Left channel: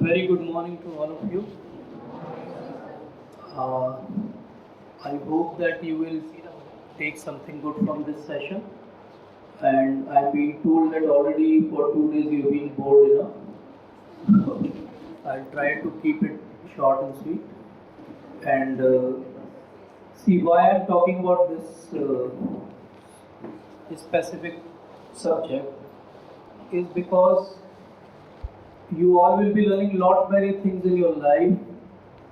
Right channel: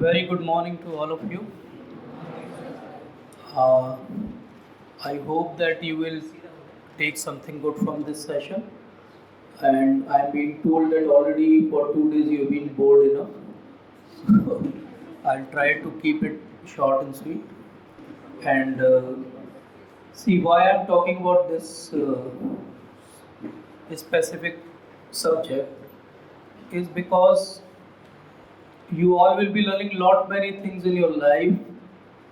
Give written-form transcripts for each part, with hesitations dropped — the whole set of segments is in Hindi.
Very good morning to all of you. Uh, I hope that you will take something good from this session. And I'm being told that already for 2 days you've been bored enough. I'll try to keep it short and sweet. And see why I'm talking about this specific subject is because you all will be learning lot many things in your life,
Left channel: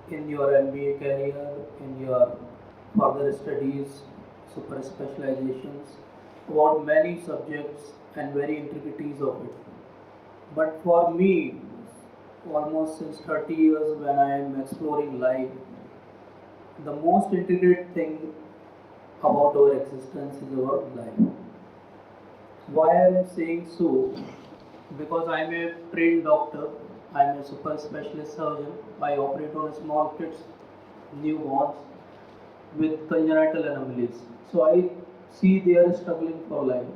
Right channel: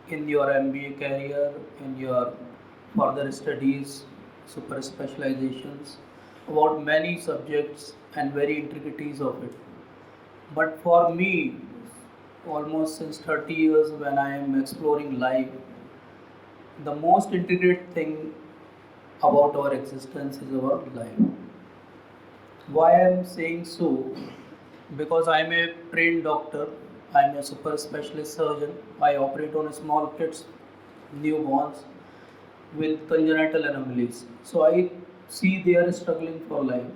in your MBA career, in your further studies, super specializations, about many subjects and very intricacies of it. But for me, almost since 30 years when I am exploring life, the most intricate thing about our existence is our life. Why I am saying so? Because I'm a trained doctor, I'm a super specialist surgeon. I operate on small kids, newborns with congenital anomalies. So I see they are struggling for life.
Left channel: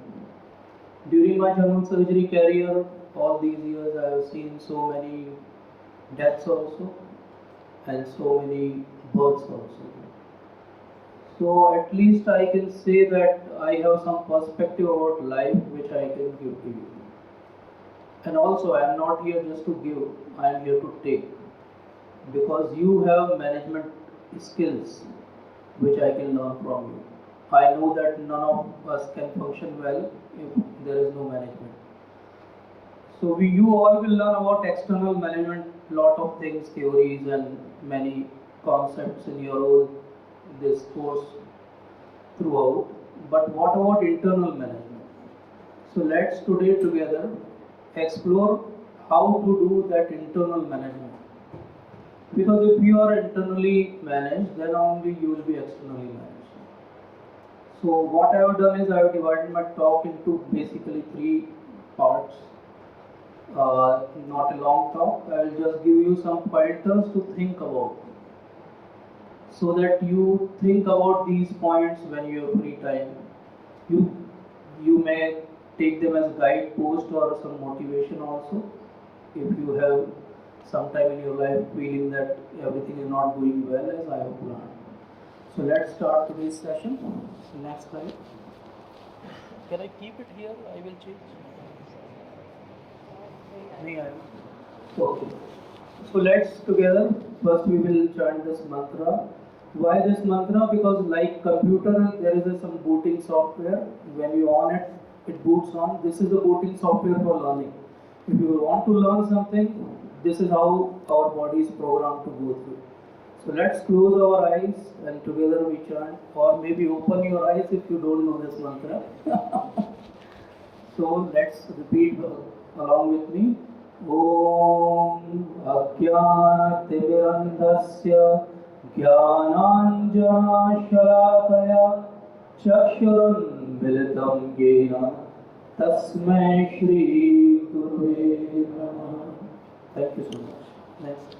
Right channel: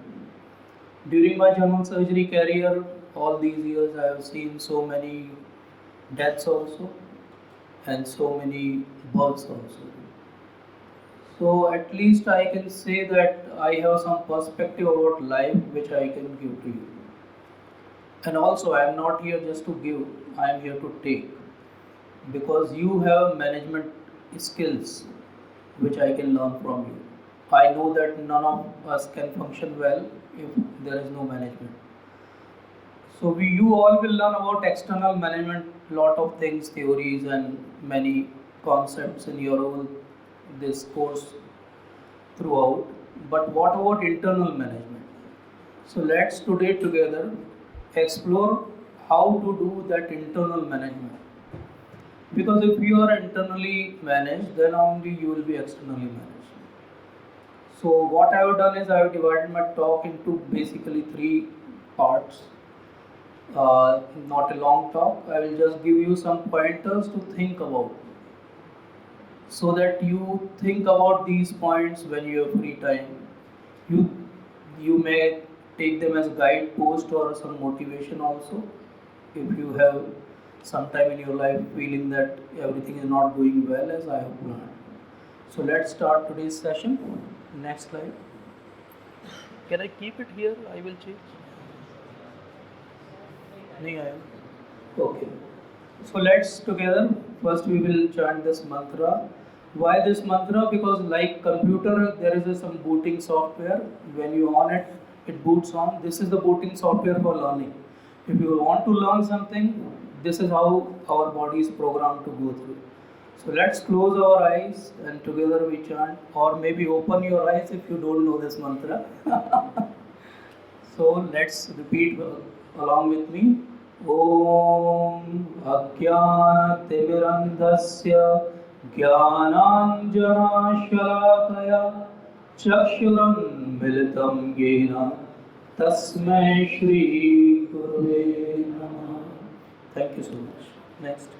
During my general surgery career, all these years, I have seen so many deaths also and so many births also. So at least I can say that I have some perspective about life which I can give to you. And also, I am not here just to give, I am here to take because you have management skills which I can learn from you. I know that none of us can function well if there is no management. So you all will learn about external management, lot of things, theories, and many concepts in your whole this course throughout. But what about internal management? So let's today together explore how to do that internal management. Because if you are internally managed, then only you will be externally managed. So what I have done is I have divided my talk into basically three parts. Not a long talk. I will just give you some pointers to think about, so that you think about these points when you have free time. You you may take them as guidepost or some motivation also. If you have some time in your life feeling that everything is not going well as I have planned. So let's start today's session. Next slide. Can I keep it here? I will change. नहीं आया. Okay. So let's together. First we will chant this mantra. Why this mantra? Because like computer, there is some booting software. When you on it, it boots on. This is the booting software for learning. If you want to learn something, this is how our body is programmed to go through. So let's close our eyes and together we chant, or maybe open your eyes if you don't know this mantra. So let's repeat along with me. ॐ अज्ञानतिमिरन्धस्य ज्ञानाञ्जनशलाकया चक्षुरुन्मिलितं येन तस्मै श्रीगुरुवे नमः. Thank you so much. Next.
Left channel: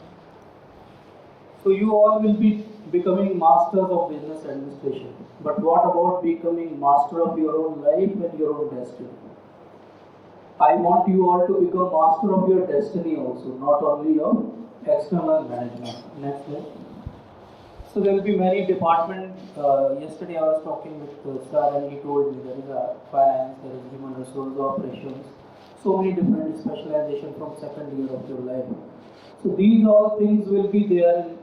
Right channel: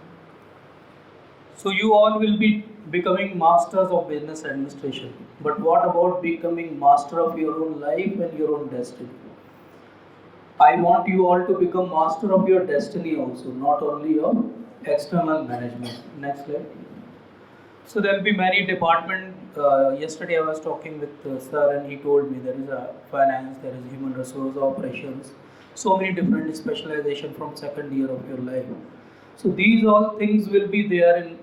So you all will be becoming masters of business administration. But what about becoming master of your own life and your own destiny? I want you all to become master of your destiny also, not only of external management. Next slide. So there will be many departments. Yesterday I was talking with sir and he told me there is a finance, there is human resource operations, so many different specialization from second year of your life. So these all things will be there in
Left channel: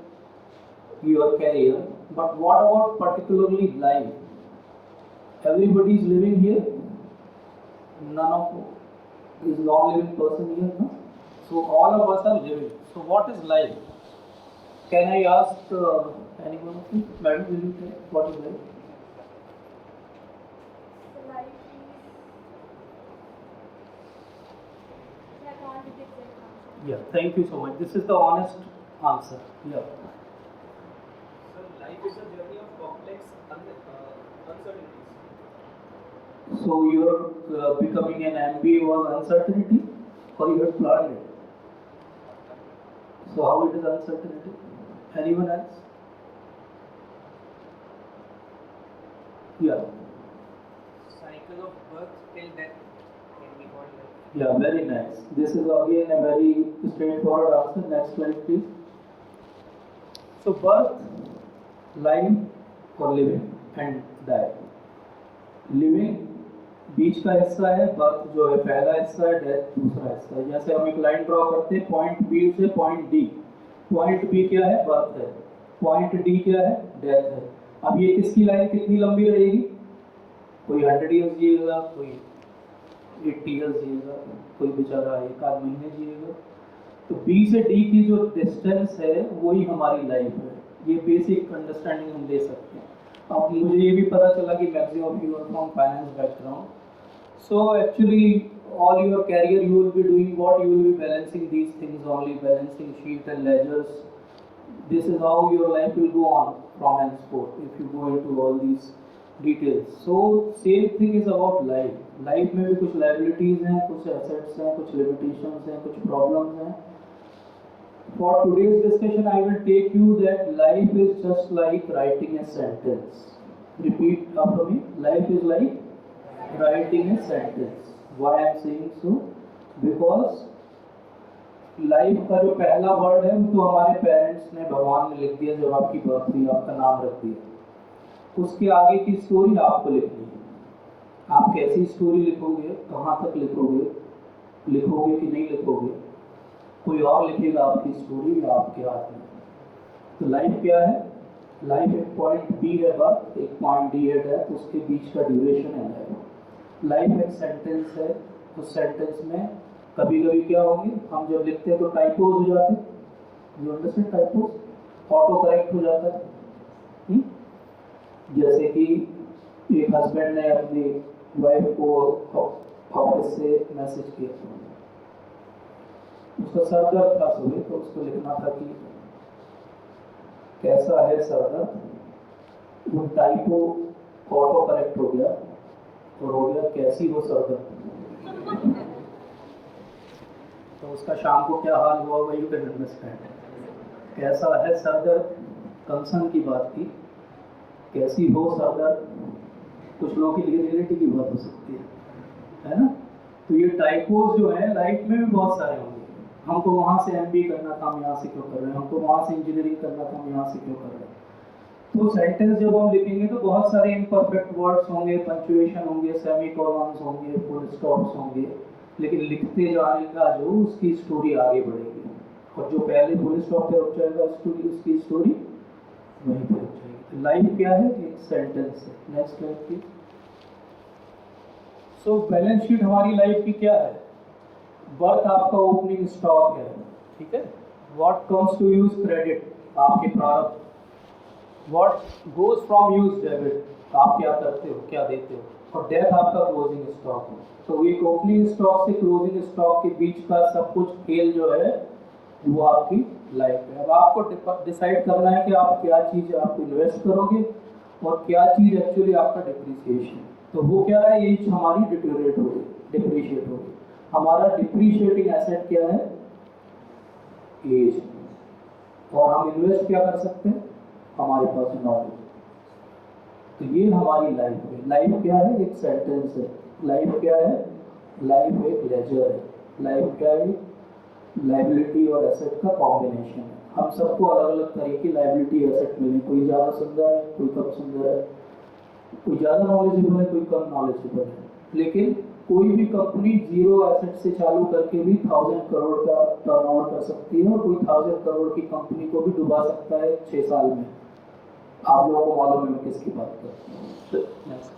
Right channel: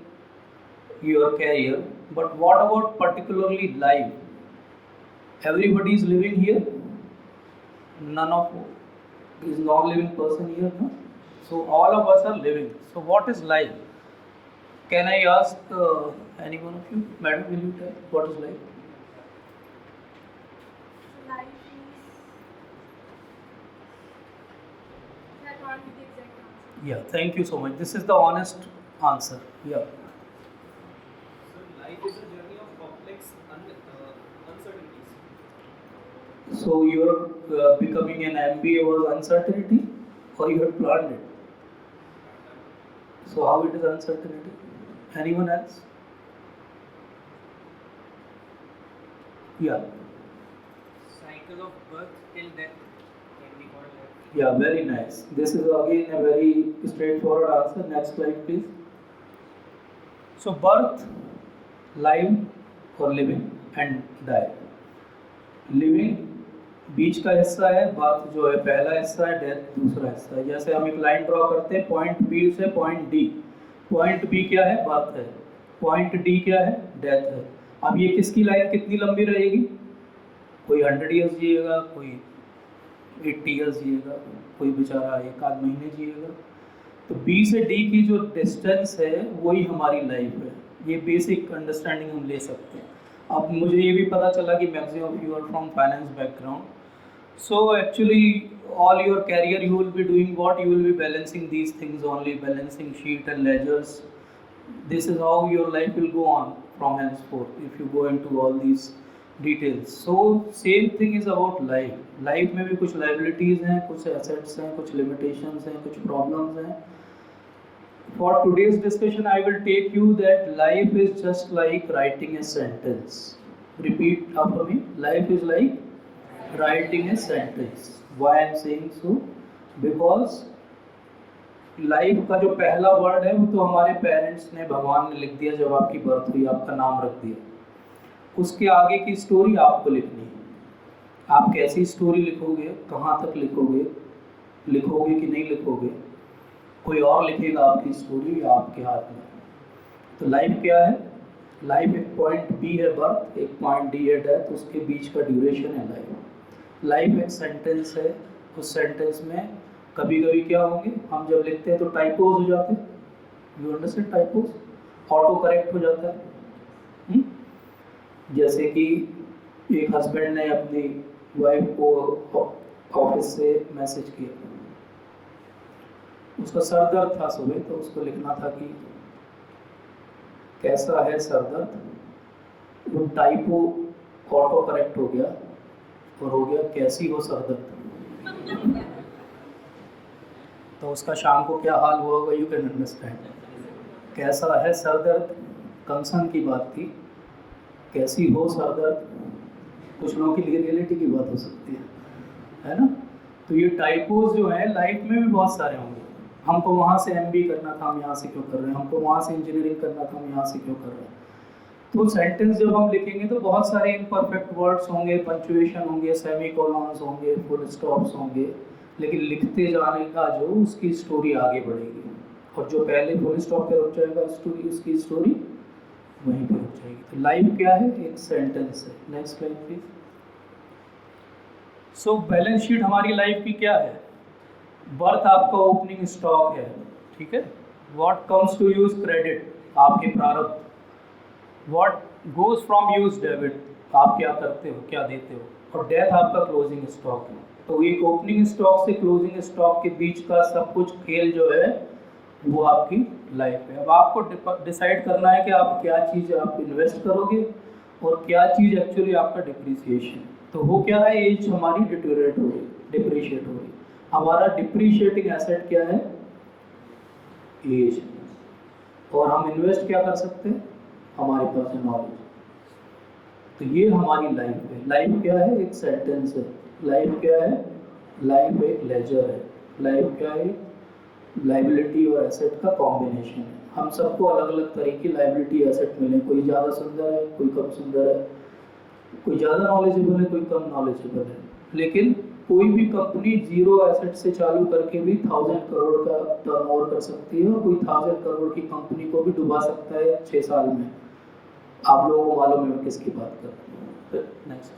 your career. But what about particularly life? Everybody is living here. None of is non-living person here, no? So all of us are living. So what is life? Can I ask any one of you, madam, will you tell what is life? So life is. I can't give the exact answer. Yeah, thank you so much. This is the honest answer. Yeah. So life is a journey of complex uncertainties. So your becoming an MBA was uncertainty, or you had planned it? So how it is uncertainty? Anyone else? Yeah. Cycle of birth till death can be called life. Yeah, very nice. This is again a very straightforward answer. Next slide, please. So, birth, life और लिविंग एंड डाई. लिविंग बीच का हिस्सा है, बर्थ जो है पहला हिस्सा है, डेथ दूसरा हिस्सा है. जैसे हम एक लाइन ड्रॉ करते हैं पॉइंट बी से पॉइंट डी. पॉइंट बी क्या है? बर्थ है. पॉइंट डी क्या है? डेथ है. अब ये किसकी लाइन कितनी लंबी रहेगी? कोई 100 ईयर्स जिएगा, कोई 80 ईयर्स जिएगा, कोई बेचारा एक आध महीने जिएगा. तो बी से डी की जो डिस्टेंस है वही हमारी लाइफ है. ये बेसिक अंडरस्टैंडिंग हम ले सकते हैं. अब मुझे ये भी पता चला कि maximum of you are from finance background. So actually all your career you will be doing what? You will be balancing these things only, balancing sheet and ledgers. This is how your life will go on from henceforth if you go into all these details. So same thing is about life. Life में भी कुछ liabilities हैं, कुछ assets हैं, कुछ limitations हैं, कुछ problems हैं. For today's discussion I will take you that life is just like writing a sentence. Repeat after me. Life is like writing a sentence. Why I am saying so? Because life का जो पहला वर्ड है वो तो हमारे पेरेंट्स ने, भगवान ने लिख दिया जब आपकी बर्थ हुई, आपका नाम रख दिया. उसके आगे की स्टोरी आपको लिखनी है. आप कैसी स्टोरी लिखोगे, कहाँ तक लिखोगे, लिखोगे कि नहीं लिखोगे, कोई और लिखेगा आपकी स्टोरी या आपके हाथ में. तो लाइफ क्या है? लाइफ एक पॉइंट बी है बर्थ, एक पॉइंट डी है डेथ, उसके बीच का ड्यूरेशन है लाइफ. लाइफ एक सेंटेंस है. उस सेंटेंस में कभी कभी क्या होंगे, हम जब लिखते हैं तो टाइपोज हो जाते हैं. You understand? Typos, auto correct हो जाता है. जैसे कि एक हस्बैंड ने अपनी वाइफ को ऑफिस से मैसेज किया, उसका सर दर्द था सुबह, तो उसको लिखना था कि कैसा है सर दर्द. वो टाइपो ऑटो करेक्ट हो गया और हो गया कैसी हो सर दर्द. तो उसका शाम को क्या हाल हुआ होगा, यू कैन अंडरस्टैंड. कैसा है सर दर्द कंसर्न की बात थी, कैसी हो सर दर्द कुछ लोगों के लिए रियलिटी की बात हो सकती है ना. तो ये टाइपोज जो है लाइफ में भी बहुत सारे होंगे. हमको वहाँ से MBA करना था, हम यहाँ से क्यों कर रहे हैं, हमको वहाँ से इंजीनियरिंग करना था, हम यहाँ से क्यों कर रहे हैं. तो सेंटेंस जब हम लिखेंगे तो बहुत सारे इम्परफेक्ट वर्ड्स होंगे, पंक्चुएशन होंगे, सेमी कॉलन्स होंगे, फुल स्टॉप्स होंगे, लेकिन लिखते जाने का जो उसकी स्टोरी आगे बढ़ेगी. और जो पहले फुल स्टॉप पे रुक जाएगा स्टोरी, उसकी स्टोरी वहीं पे रुक जाएगी. तो लाइफ क्या है? एक सेंटेंस है. Next slide please. So balance sheet हमारी लाइफ की क्या है? बर्थ आपका ओपनिंग स्टॉक है, ठीक है. What comes to use credit, आपके प्रारब्ध. What goes from use debit, आप क्या करते हो, क्या देते हो. और डेथ आपका क्लोजिंग स्टॉक है. तो एक ओपनिंग स्टॉक से क्लोजिंग स्टॉक के बीच का सब कुछ खेल जो है वो आपकी लाइफ है. अब आपको डिसाइड करना है कि आप क्या चीज़ आप इन्वेस्ट करोगे और क्या चीज़ एक्चुअली आपका डिप्रिसिएशन. तो वो क्या है, एज हमारी डिटोरेट हो रही, डिप्रिशिएट हो रही. हमारा डिप्रिशिएटिंग एसेट क्या है? एज. और हम इन्वेस्ट क्या कर सकते हैं? हमारे पास है नॉलेज. तो ये हमारी लाइफ है. लाइफ क्या है? एक सेंटेंस है. लाइफ क्या है? लाइफ एक लेजर है. लाइफ क्या है? लाइबिलिटी और एसेट का कॉम्बिनेशन है. हम सबको अलग अलग तरह की लाइबिलिटी एसेट मिले. कोई ज़्यादा सुंदर है, कोई कम सुंदर है, कोई ज़्यादा नॉलेजेबल है, कोई कम नॉलेजेबल है. लेकिन कोई भी कंपनी जीरो एसेट से चालू करके भी 1000 करोड़ का टर्नओवर कर सकती है और कोई 1000 करोड़ की कंपनी को भी डुबा सकता है 6 साल में. आप लोगों को मालूम है मैं किसकी बात कर रहा हूँ. नेक्स्ट.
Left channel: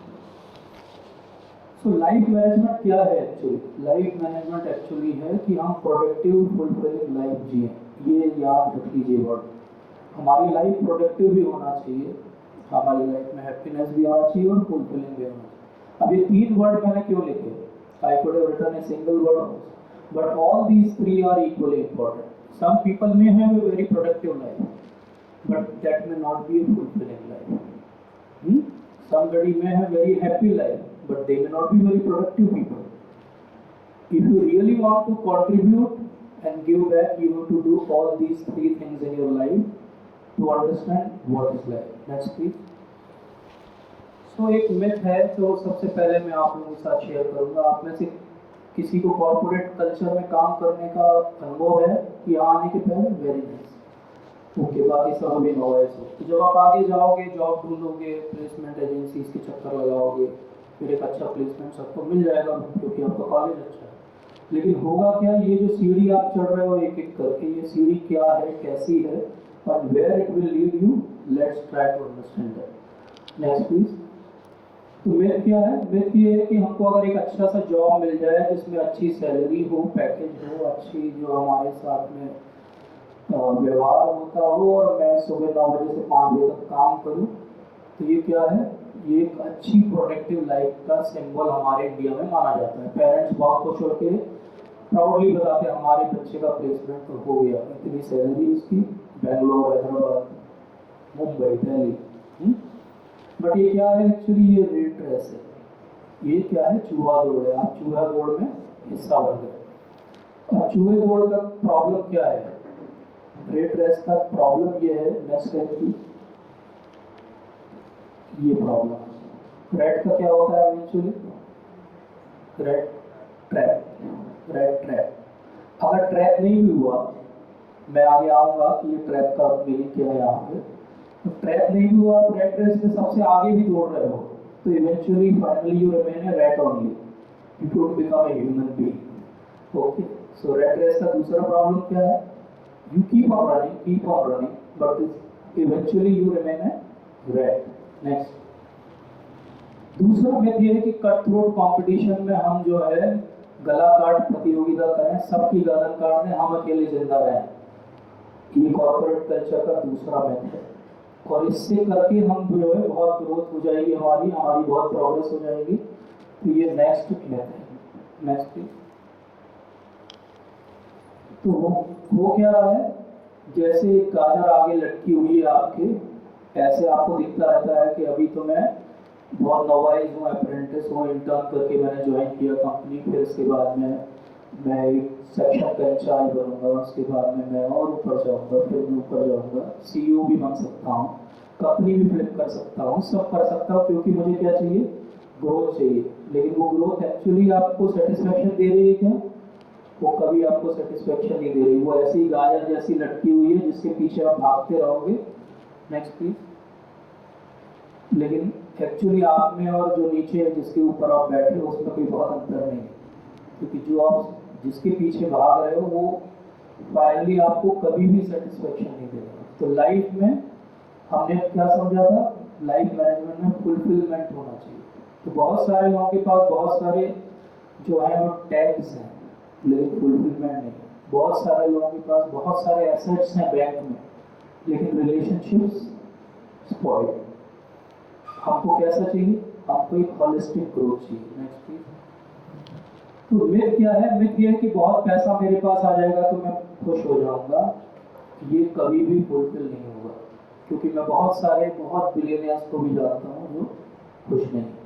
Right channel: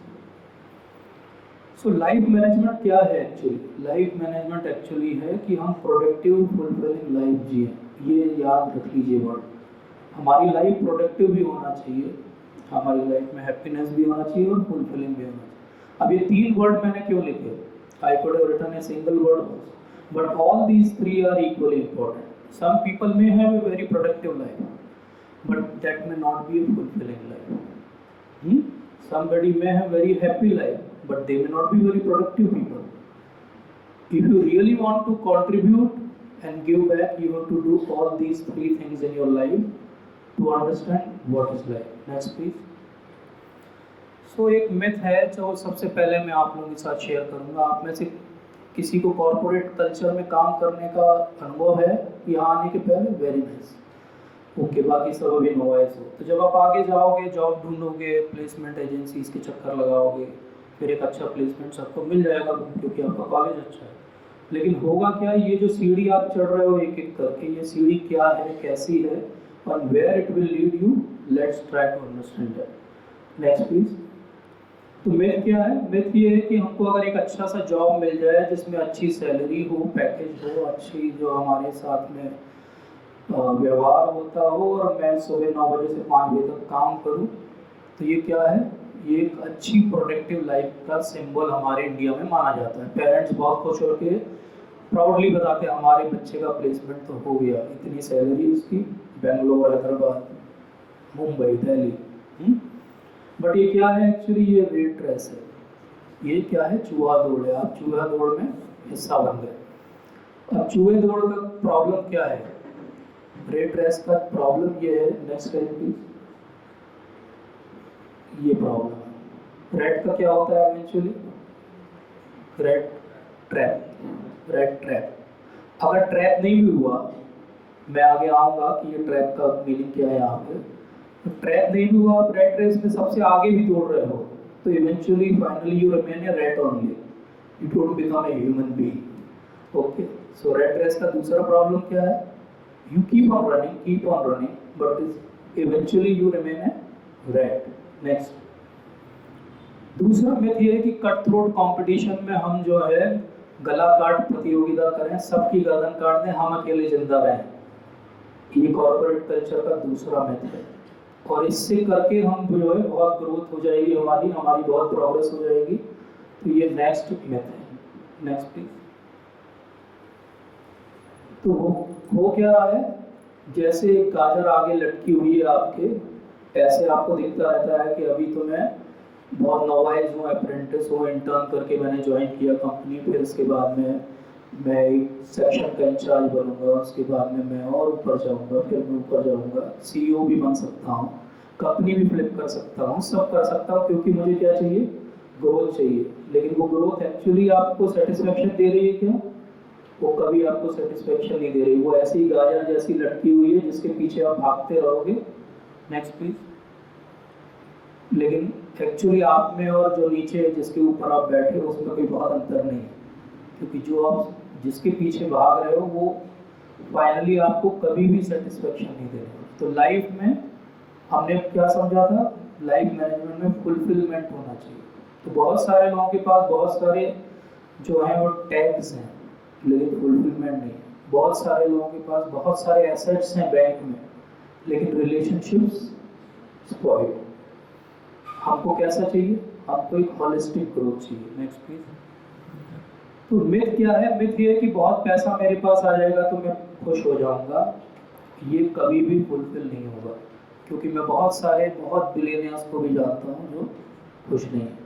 सो लाइफ मैनेजमेंट क्या है एक्चुअली? लाइफ मैनेजमेंट एक्चुअली है कि हम प्रोडक्टिव फुलफिलिंग लाइफ जिए. ये याद रख लीजिए वर्ड. हमारी लाइफ प्रोडक्टिव भी होना चाहिए, हमारी लाइफ में हैप्पीनेस भी होना चाहिए और फुलफिलिंग भी होना चाहिए. अब ये 3 वर्ड मैंने क्यों लिखे? I could have written a single word, but all these 3 are equally important. Some people may have a very productive life, but that may not be a fulfilling life. Somebody may have very happy life, but they may not be very productive people. If you really want to contribute and give back, you have to do all these 3 things in your life to understand what is life. Next please. So एक myth है जो सबसे पहले मैं आप लोगों के साथ शेयर करूँगा. आप में से किसी को कॉर्पोरेट कल्चर में काम करने का अनुभव है यहाँ आने के पहले? Very nice. ओके, बाकी सब अभी नॉइज हो। तो जब आप आगे जाओगे, जॉब ढूंढोगे, प्लेसमेंट एजेंसीज के चक्कर लगाओगे, फिर एक अच्छा प्लेसमेंट सबको मिल जाएगा क्योंकि आपका कॉलेज अच्छा है। लेकिन होगा क्या, ये जो सीढ़ी आप चढ़ रहे हो एक एक करके, ये सीढ़ी क्या है, कैसी है, और where it will lead you, let's try to understand that. Next please. तो मिथ क्या है? मिथ ये है कि हमको अगर एक अच्छा सा जॉब मिल जाए जिसमें अच्छी सैलरी हो, पैकेज हो, अच्छी जो हमारे साथ में व्यवहार होता हो, और मैं सुबह 9 बजे से 5 बजे तक काम करूं, तो ये क्या है? ये एक अच्छी प्रोडक्टिव लाइफ का सिंबल हमारे इंडिया में माना जाता है। पेरेंट्स बहुत खुश होकर प्राउडली बताते हैं हमारे बच्चे का प्लेसमेंट तो हो गया, इतनी सैलरी उसकी, बेंगलोर, हैदराबाद, मुंबई, दिल्ली। बट ये क्या है एक्चुअली? ये रेट रेस है। ये क्या है? चूहा दौड़ है। आप चूहा दौड़ में हिस्सा बन गए। अब चूहे दौड़ का प्रॉब्लम क्या है? रेट रेस का प्रॉब्लम ये है, नेक्स्ट स्लाइड प्लीज। ये प्रॉब्लम है। रेट का क्या होता है eventually? Rate trap. Rate trap. अगर ट्रैप नहीं भी हुआ, मैं आगे आऊंगा कि ये ट्रैप का मीनिंग क्या है यहाँ पे। तो ट्रैप नहीं भी हुआ, आप रेट रेस में सबसे आगे भी दौड़ रहे हो, तो eventually finally you remain a rat only, you don't become a human being. Okay, so rat race का दूसरा प्रॉब्लम क्या है? You keep on running, but eventually you remain a rat. Next. दूसरा मिथ ये है कि कट थ्रोट कंपटीशन में हम जो है गला काट प्रतियोगिता करें, सबकी गर्दन काट दें, हम अकेले जिंदा रहें। ये कॉर्पोरेट कल्चर का दूसरा मिथ है, और इससे करके हम जो है बहुत ग्रोथ हो जाएगी, हमारी बहुत प्रोग्रेस हो जाएगी। तो ये नेक्स्ट मिथ है। Next please. तो हो क्या रहा है? जैसे गाजर आगे लटकी हुई है आपके, ऐसे आपको दिखता रहता है कि अभी तो मैं बहुत नवाइज हूँ, अप्रेंटिस हूँ, इंटर्न करके मैंने ज्वाइन किया कंपनी, फिर इसके बाद में मैं एक सेक्शन का इंचार्ज बनूंगा, उसके बाद में मैं और ऊपर जाऊंगा, फिर मैं ऊपर जाऊंगा, सीईओ भी बन सकता हूँ, कंपनी भी फ्लिप कर सकता हूँ, सब कर सकता हूँ, क्योंकि मुझे क्या चाहिए? ग्रोथ चाहिए। लेकिन वो ग्रोथ एक्चुअली आपको सेटिस्फेक्शन दे रही है क्या? वो कभी आपको सेटिस्फेक्शन नहीं दे रही। वो ऐसी गाजर जैसी लटकी हुई है जिसके पीछे आप भागते रहोगे। Next please. लेकिन एक्चुअली आप में और जो नीचे जिसके ऊपर आप बैठे हो उसमें कोई बहुत अंतर नहीं है, क्योंकि जो आप जिसके पीछे भाग रहे हो वो फाइनली आपको कभी भी सेटिस्फेक्शन नहीं दे रहा। तो लाइफ में हमने क्या समझा था? लाइफ मैनेजमेंट में फुलफिलमेंट होना चाहिए। तो बहुत सारे लोगों के पास बहुत सारे जो हैं वो टैग्स हैं, लेकिन फुलफिलमेंट नहीं। बहुत सारे लोगों के पास बहुत सारे एसेट्स हैं बैंक में, लेकिन रिलेशनशिप्स स्पॉइल्ड। हमको कैसा चाहिए? हमको एक हॉलिस्टिक ग्रोथ चाहिए। Next please. तो मिथ क्या है? मिथ ये है कि बहुत पैसा मेरे पास आ जाएगा तो मैं खुश हो जाऊंगा। ये कभी भी फुलफिल नहीं होगा, क्योंकि मैं बहुत बिलियनियर्स को भी जानता हूँ जो खुश नहीं है।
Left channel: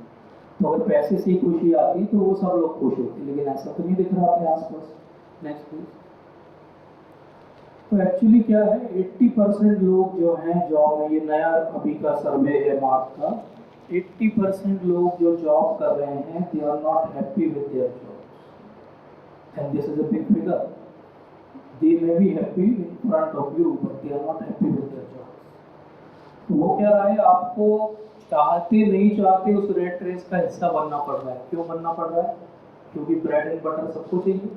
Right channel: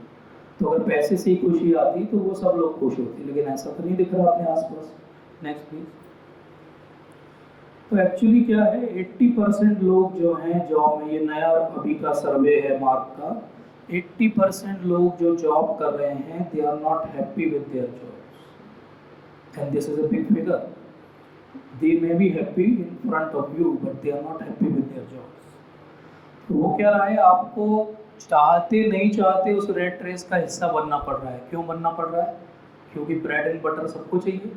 तो अगर पैसे से ही खुशी आती तो वो सब लोग खुश होते, लेकिन ऐसा तो नहीं दिख रहा अपने आसपास। Next please. तो एक्चुअली क्या है, 80% लोग जो हैं जॉब में, ये नया अभी का सर्वे है मार्क का, 80% लोग जो जॉब कर रहे हैं they are not happy with their jobs, and this is a big figure. They may be happy in front of you, but they are not happy with their jobs. तो वो क्या रहा है, आपको चाहते नहीं चाहते उस रेट रेस का हिस्सा बनना पड़ रहा है। क्यों बनना पड़ रहा है? क्योंकि ब्रेड एंड बटर सबको चाहिए।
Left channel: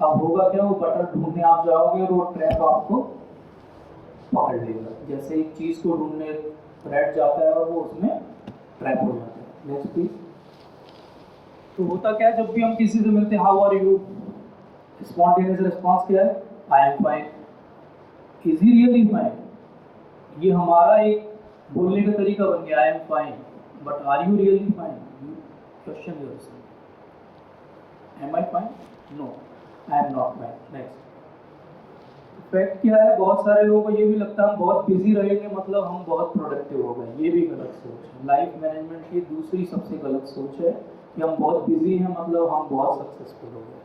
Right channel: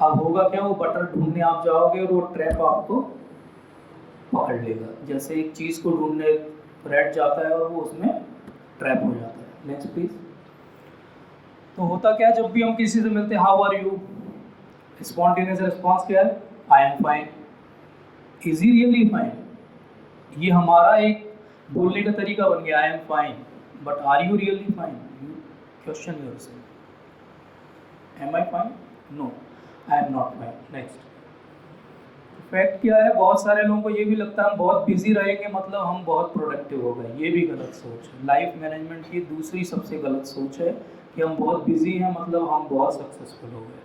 अब होगा क्या, वो बटर ढूंढने आप जाओगे और वो ट्रैप आपको पकड़ लेगा। जैसे एक चीज़ को ढूंढने ब्रेड जाता है और वो उसमें ट्रैप हो जाता है। Next please. तो होता क्या है, जब भी हम किसी से मिलते हैं, how are you, spontaneous response क्या है? I am fine. Is he really fine? ये हमारा एक बोलने का तरीका बन गया, I am fine, but are you really fine? You question yourself, am I fine? No, I am not fine. Next. Fact क्या है, बहुत सारे लोगों को ये भी लगता है हम बहुत बिजी रहेंगे मतलब हम बहुत प्रोडक्टिव हो गए। ये भी गलत सोच है। लाइफ मैनेजमेंट की दूसरी सबसे गलत सोच है कि हम बहुत बिजी हैं मतलब हम बहुत सक्सेसफुल हो गए।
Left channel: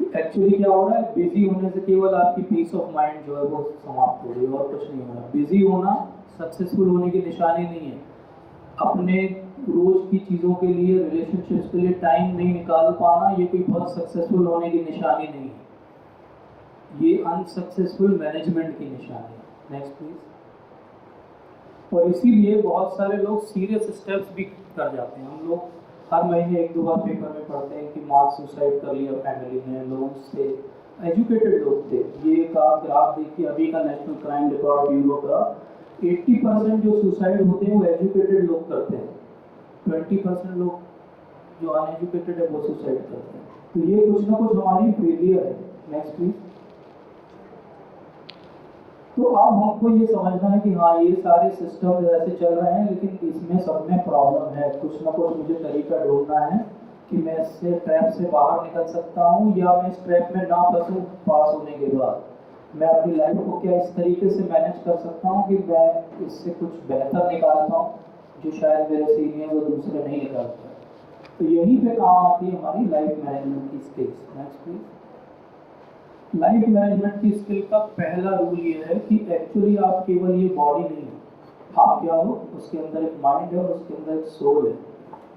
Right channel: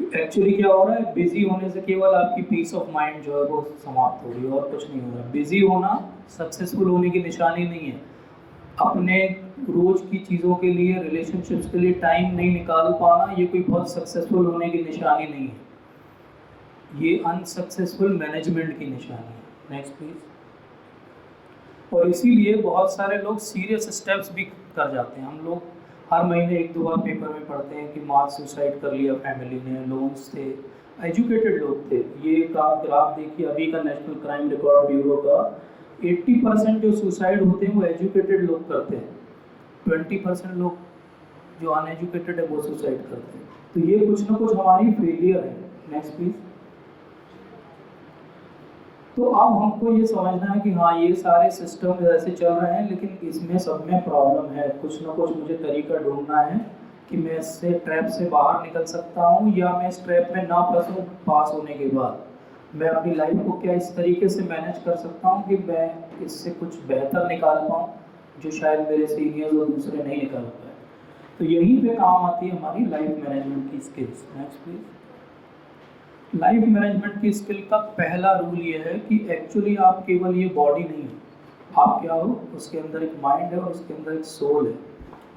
एक्चुअली क्या हो रहा है, बिजी होने से केवल आपकी पीस ऑफ माइंड जो है वो समाप्त हो रही है और कुछ नहीं हो रहा। बिजी होना सक्सेसफुल होने की निशानी नहीं है। अपने रोज की चीज़ों के लिए, रिलेशनशिप्स के लिए टाइम नहीं निकाल पाना, ये कोई बहुत सक्सेसफुल होने की निशानी नहीं है, ये अनसक्सेसफुल मैनेजमेंट की निशानी है। Next please. और इसीलिए बहुत सारे लोग सीरियस स्टेप्स भी कर जाते हैं। हम लोग हर महीने एक दो बार पेपर में पढ़ते हैं कि मास सुसाइड कर लिया फैमिली ने, लोन्स थे, एजुकेटेड लोग थे। ये का ग्राफ देखिए अभी का नेशनल क्राइम रिकॉर्ड ब्यूरो का, 80% जो सुसाइड होते हैं वो एजुकेटेड लोग करते हैं, 20% लोग जो अनएजुकेटेड है वो सुसाइड करते हैं। तो ये कुछ ना कुछ हमारी फेलियर है। Next please. तो अब हमको ये समझना है कि हाँ ये सारे सिस्टम ऐसे चल रहे हैं, लेकिन इसमें सब में प्रॉब्लम है। कुछ ना कुछ मुझे तरीका ढूंढना है कि मैं इससे ट्रैप से बाहर निकल सकता हूँ, या मैं इस ट्रैप में ना फंसूँ पास होने के बाद। मैं अपनी लाइफ को क्या इस तरीके से मैनेज कर सकता हूँ कि मैं इससे कुछ बेहतर निकाल पाऊँ, जो शायद मेरे सीनियर्स और दूसरे नहीं निकाल पाए। तो यहीं पे काम आती है हमारी लाइफ मैनेजमेंट की skills. Next please. Life management की स्किल का पहला रूल ये है कि एक्चुअली आप केवल ये बॉडी नहीं हो, आप क्या हो, उसके अंदर एक माइंड है और उसके अंदर एक सोल है।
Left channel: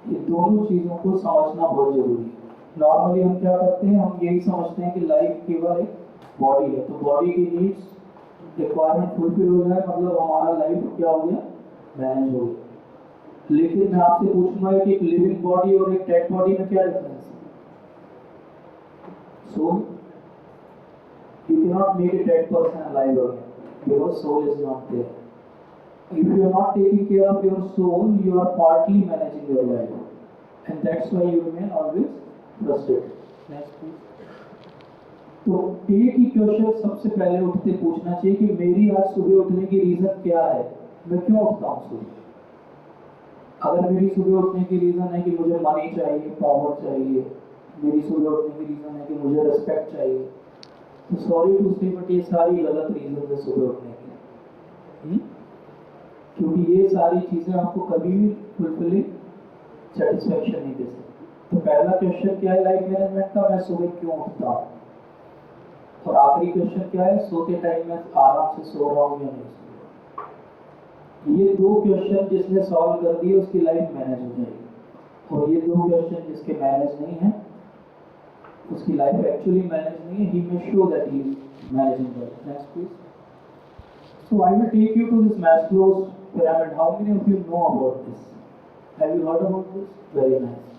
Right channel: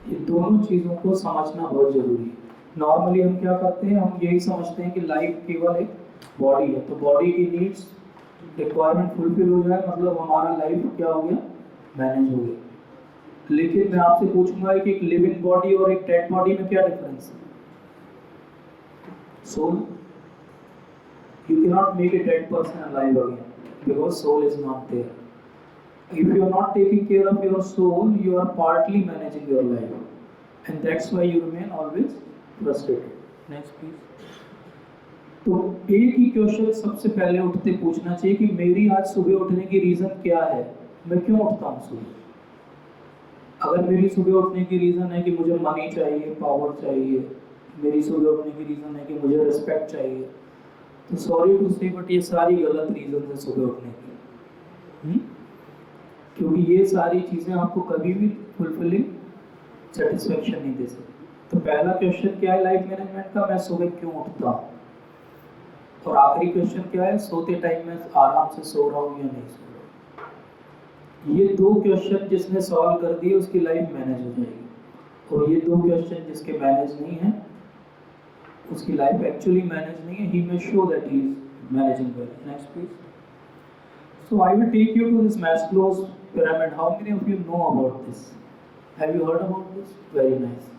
ये दोनों चीज़ों को समझना बहुत ज़रूरी है। नॉर्मली हम क्या करते हैं, हम यही समझते हैं कि लाइफ केवल एक बॉडी है, तो बॉडी की नीड्स रिक्वायरमेंट फुलफिल हो जाए मतलब हमारा लाइफ क्या हो गया, मैनेज हो गया। लेकिन मैं आपसे पूछूंगा कि एक लिविंग बॉडी और एक डेड बॉडी में क्या डिफरेंस है? Soul. You cannot make a dead person alive again because soul is not there. If you are not taking care of your soul, you are partly managing your life, and that's why you remain always frustrated. Next please. तो एक ही क्वेश्चन सबसे पहले उठते पूछना चाहिए कि मेरी आज सुबह उठने की रीज़न क्या है, मैं क्यों उठता हूँ सुबह। अगर मेरी सुबह उठने की रीज़न है कि मुझे मनी चाहिए, पावर चाहिए, मेरी सुबह उठने की रीज़न है कि मुझे रिस्पेक्ट चाहिए, तो सॉरी टू से बट ये सारी गलत रीज़न है सुबह उठने की। क्योंकि ये सारी चीज़ें आपको कभी भी फुलफिलिंग सेटिस्फेक्शन नहीं दे सकती। तो पहला क्वेश्चन क्या है लाइफ मैनेजमेंट का, मैं सुबह क्यों उठता हूँ। और आखिरी क्वेश्चन क्या है, सोते टाइम में आराम से सो रहा हूँ या नहीं सो रहा हूँ। ये दो क्वेश्चन जिसने सॉल्व कर दिए उसकी लाइफ मैनेज हो जाएगी, और ये दो क्वेश्चन जिसके मैनेज नहीं है उसकी लाइफ एक्चुअली मैनेज नहीं है। He may show that he is managing well. Next please. So I will take you to this Maslow's pyramid. How many of you know about this? Have you heard about this? Very nice.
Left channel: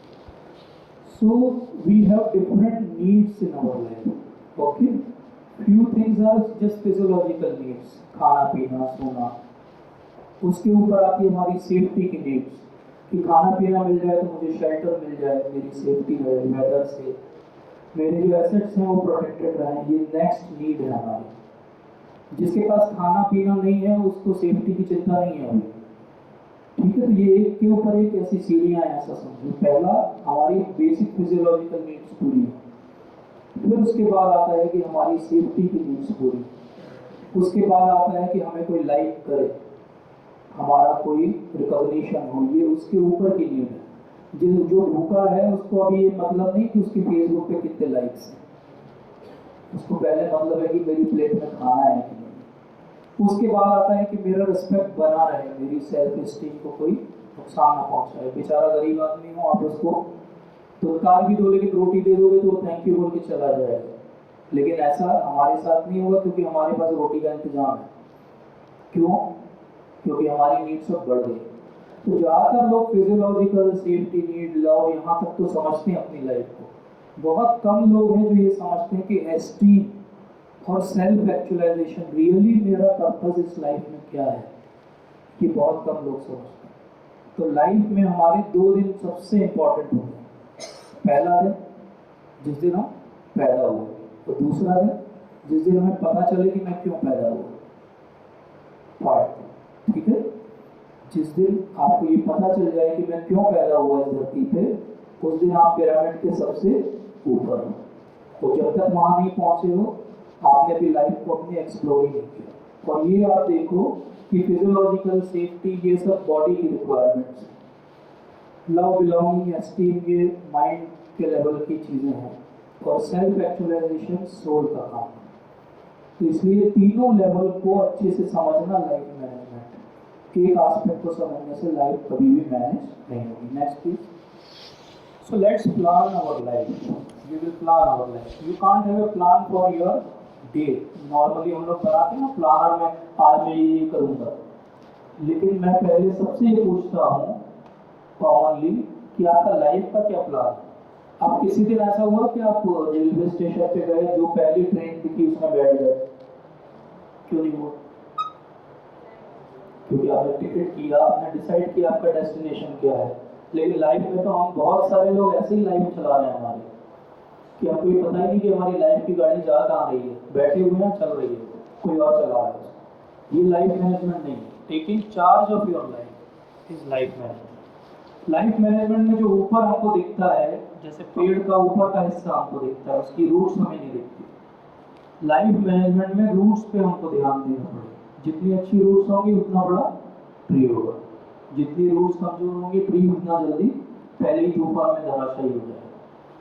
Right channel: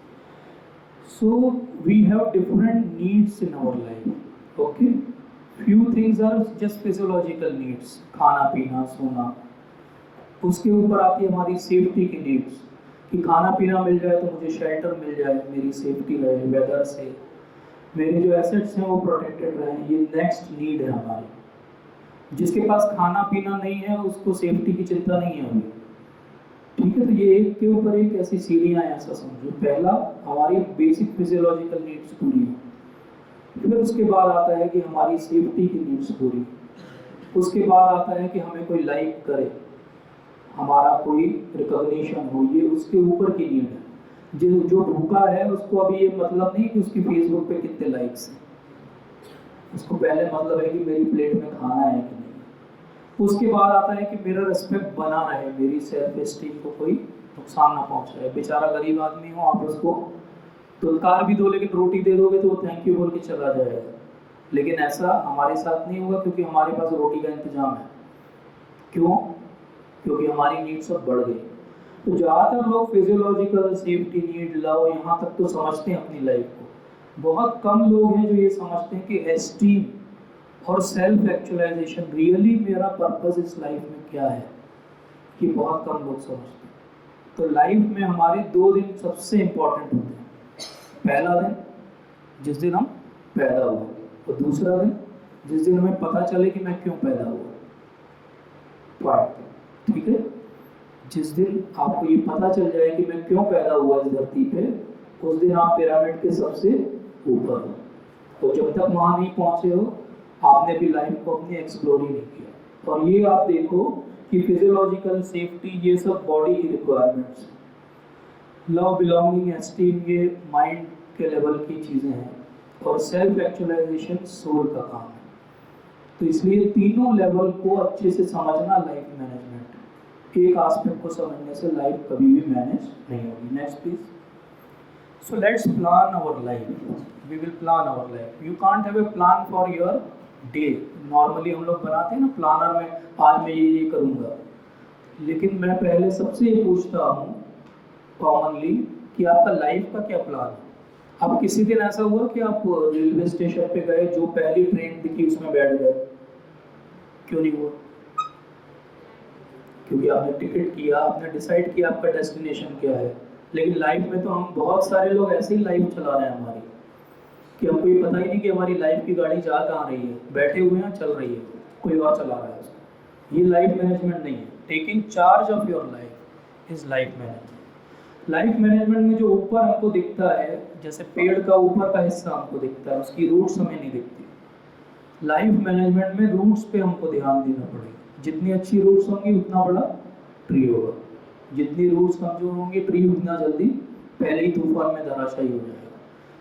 So we have different needs in our life. Okay. Few things are just physiological needs. खाना पीना सोना। उसके ऊपर आती है हमारी सेफ्टी की नीड्स, कि खाना पीना मिल जाए तो मुझे शेल्टर मिल जाए, मेरी सेफ्टी रहे वेदर से, मेरे जो एसेट्स हैं वो प्रोटेक्टेड रहें। ये नेक्स्ट नीड है हमारी। जिसके पास खाना पीना नहीं है उसको सेफ्टी की चिंता नहीं है अभी, ठीक है। तो ये एक के ऊपर एक ऐसी सीढ़ियाँ हैं, ऐसा समझो। पहला हमारी बेसिक फिजियोलॉजिकल नीड्स पूरी हो, फिर उसके बाद आता है कि हमारी सेफ्टी की नीड्स पूरी, उसके बाद आता है कि हमें कोई लाइक करे, हमारा कोई रिकॉग्निशन हो, ये उसके ऊपर की नीड है। जो भूखा है उसको अभी ये मतलब नहीं कि उसकी फेसबुक पे कितने लाइक्स हैं, उसको पहले मतलब है कि मेरी प्लेट में खाना है कि नहीं। उसके बाद आता है कि मेरा रिस्पेक्ट बना रहे, मेरी सेल्फ एस्टीम को कोई नुकसान ना पहुंचाए। बेचारा गरीब आदमी हो, आप उसको दुत्कार भी दो लेकिन रोटी दे दोगे तो वो थैंक यू बोल के चला जाएगा। लेकिन ऐसा हमारे साथ नहीं होगा, क्योंकि हमारे पास रोटी का इंतजाम है। क्यों? क्योंकि हमारी नीड्स सब बढ़ गई। तो ज़्यादातर लोग फिजियोलॉजिकल, सेफ्टी नीड, लव, यहाँ तक तो समझते हैं अपनी लाइफ को। बहुत कम लोग हैं जो ये समझते हैं कि एस्टीम और सेल्फ एक्चुअलाइजेशन, रियली मेरा पर्पस इस लाइफ में क्या है, ये बहुत कम लोग समझते हैं। तो लाइफ में हमारे 2 दिन सबसे इम्पोर्टेंट होते हैं। पहला दिन जिस दिन हम पैदा हुए, और दूसरा दिन जिस दिन हमें पता चले कि मैं क्यों पैदा हुआ। ठीक है, जिस दिन आपको ये पता चल जाए कि मैं क्यों पैदा हुआ इस धरती पे, उस दिन आप पिरामिड के सबसे ऊपर हो। तो जब तक वहाँ नहीं पहुँचे हो आपने अपनी लाइफ को अपनी एक्सप्लोर ही नहीं किया। और ये आप देखो कि फिजियोलॉजिकल, सेफ्टी, ये सब बॉडी की रिक्वायरमेंट्स, लव, बिलोंगिंग, एस्टीम, ये माइंड के लेवल की चीज़ें हैं, और सेल्फ एक्चुअलाइजेशन सोल का काम है। तो इसलिए तीनों लेवल को अच्छे से समझना लाइफ मैनेजमेंट। एक एस्पेक्ट को समझने से लाइफ कभी भी मैनेज नहीं होगी। Next please. So let's plan our life. We will plan our life. You can't have a plan for your day. Normally हम लोग बनाते हैं ना प्लानर में, आज मैं ये करूँगा, लेकिन मैं पहले सबसे ये पूछता हूँ कॉमनली कि आपका लाइफ का क्या प्लान है। आप किसी दिन ऐसा हुआ कि आप रेलवे स्टेशन पे गए, जो पहली ट्रेन दिखी उसमें बैठ गए? क्यों नहीं हुआ? क्योंकि आपने टिकट किया, आपने डिसाइड किया आपका डेस्टिनेशन क्या है। लेकिन लाइफ में तो हम बहुत सारे लोग ऐसे ही लाइफ चला रहे हैं हमारी, कि हमको ये पता ही नहीं कि हमारी लाइफ की गाड़ी जा कहाँ रही है, बैठे हुए हैं चल रही है, कोई और चला रहा है उसको। ये लाइफ मैनेजमेंट नहीं है। Taking charge of your life is life management. Life management में जो ऊपर हमको दिखता है, जैसे पेड़ का ऊपर का हिस्सा हमको दिखता है, उसकी रूट्स हमें नहीं दिखती। लाइफ मैनेजमेंट में रूट्स पे हमको ध्यान देना पड़ेगा। जितनी अच्छी रूट्स होंगी उतना बड़ा ट्री होगा, जितनी रूट्स कमजोर होंगी ट्री उतना जल्दी पहले ही तूफान में धराशायी हो जाएगा।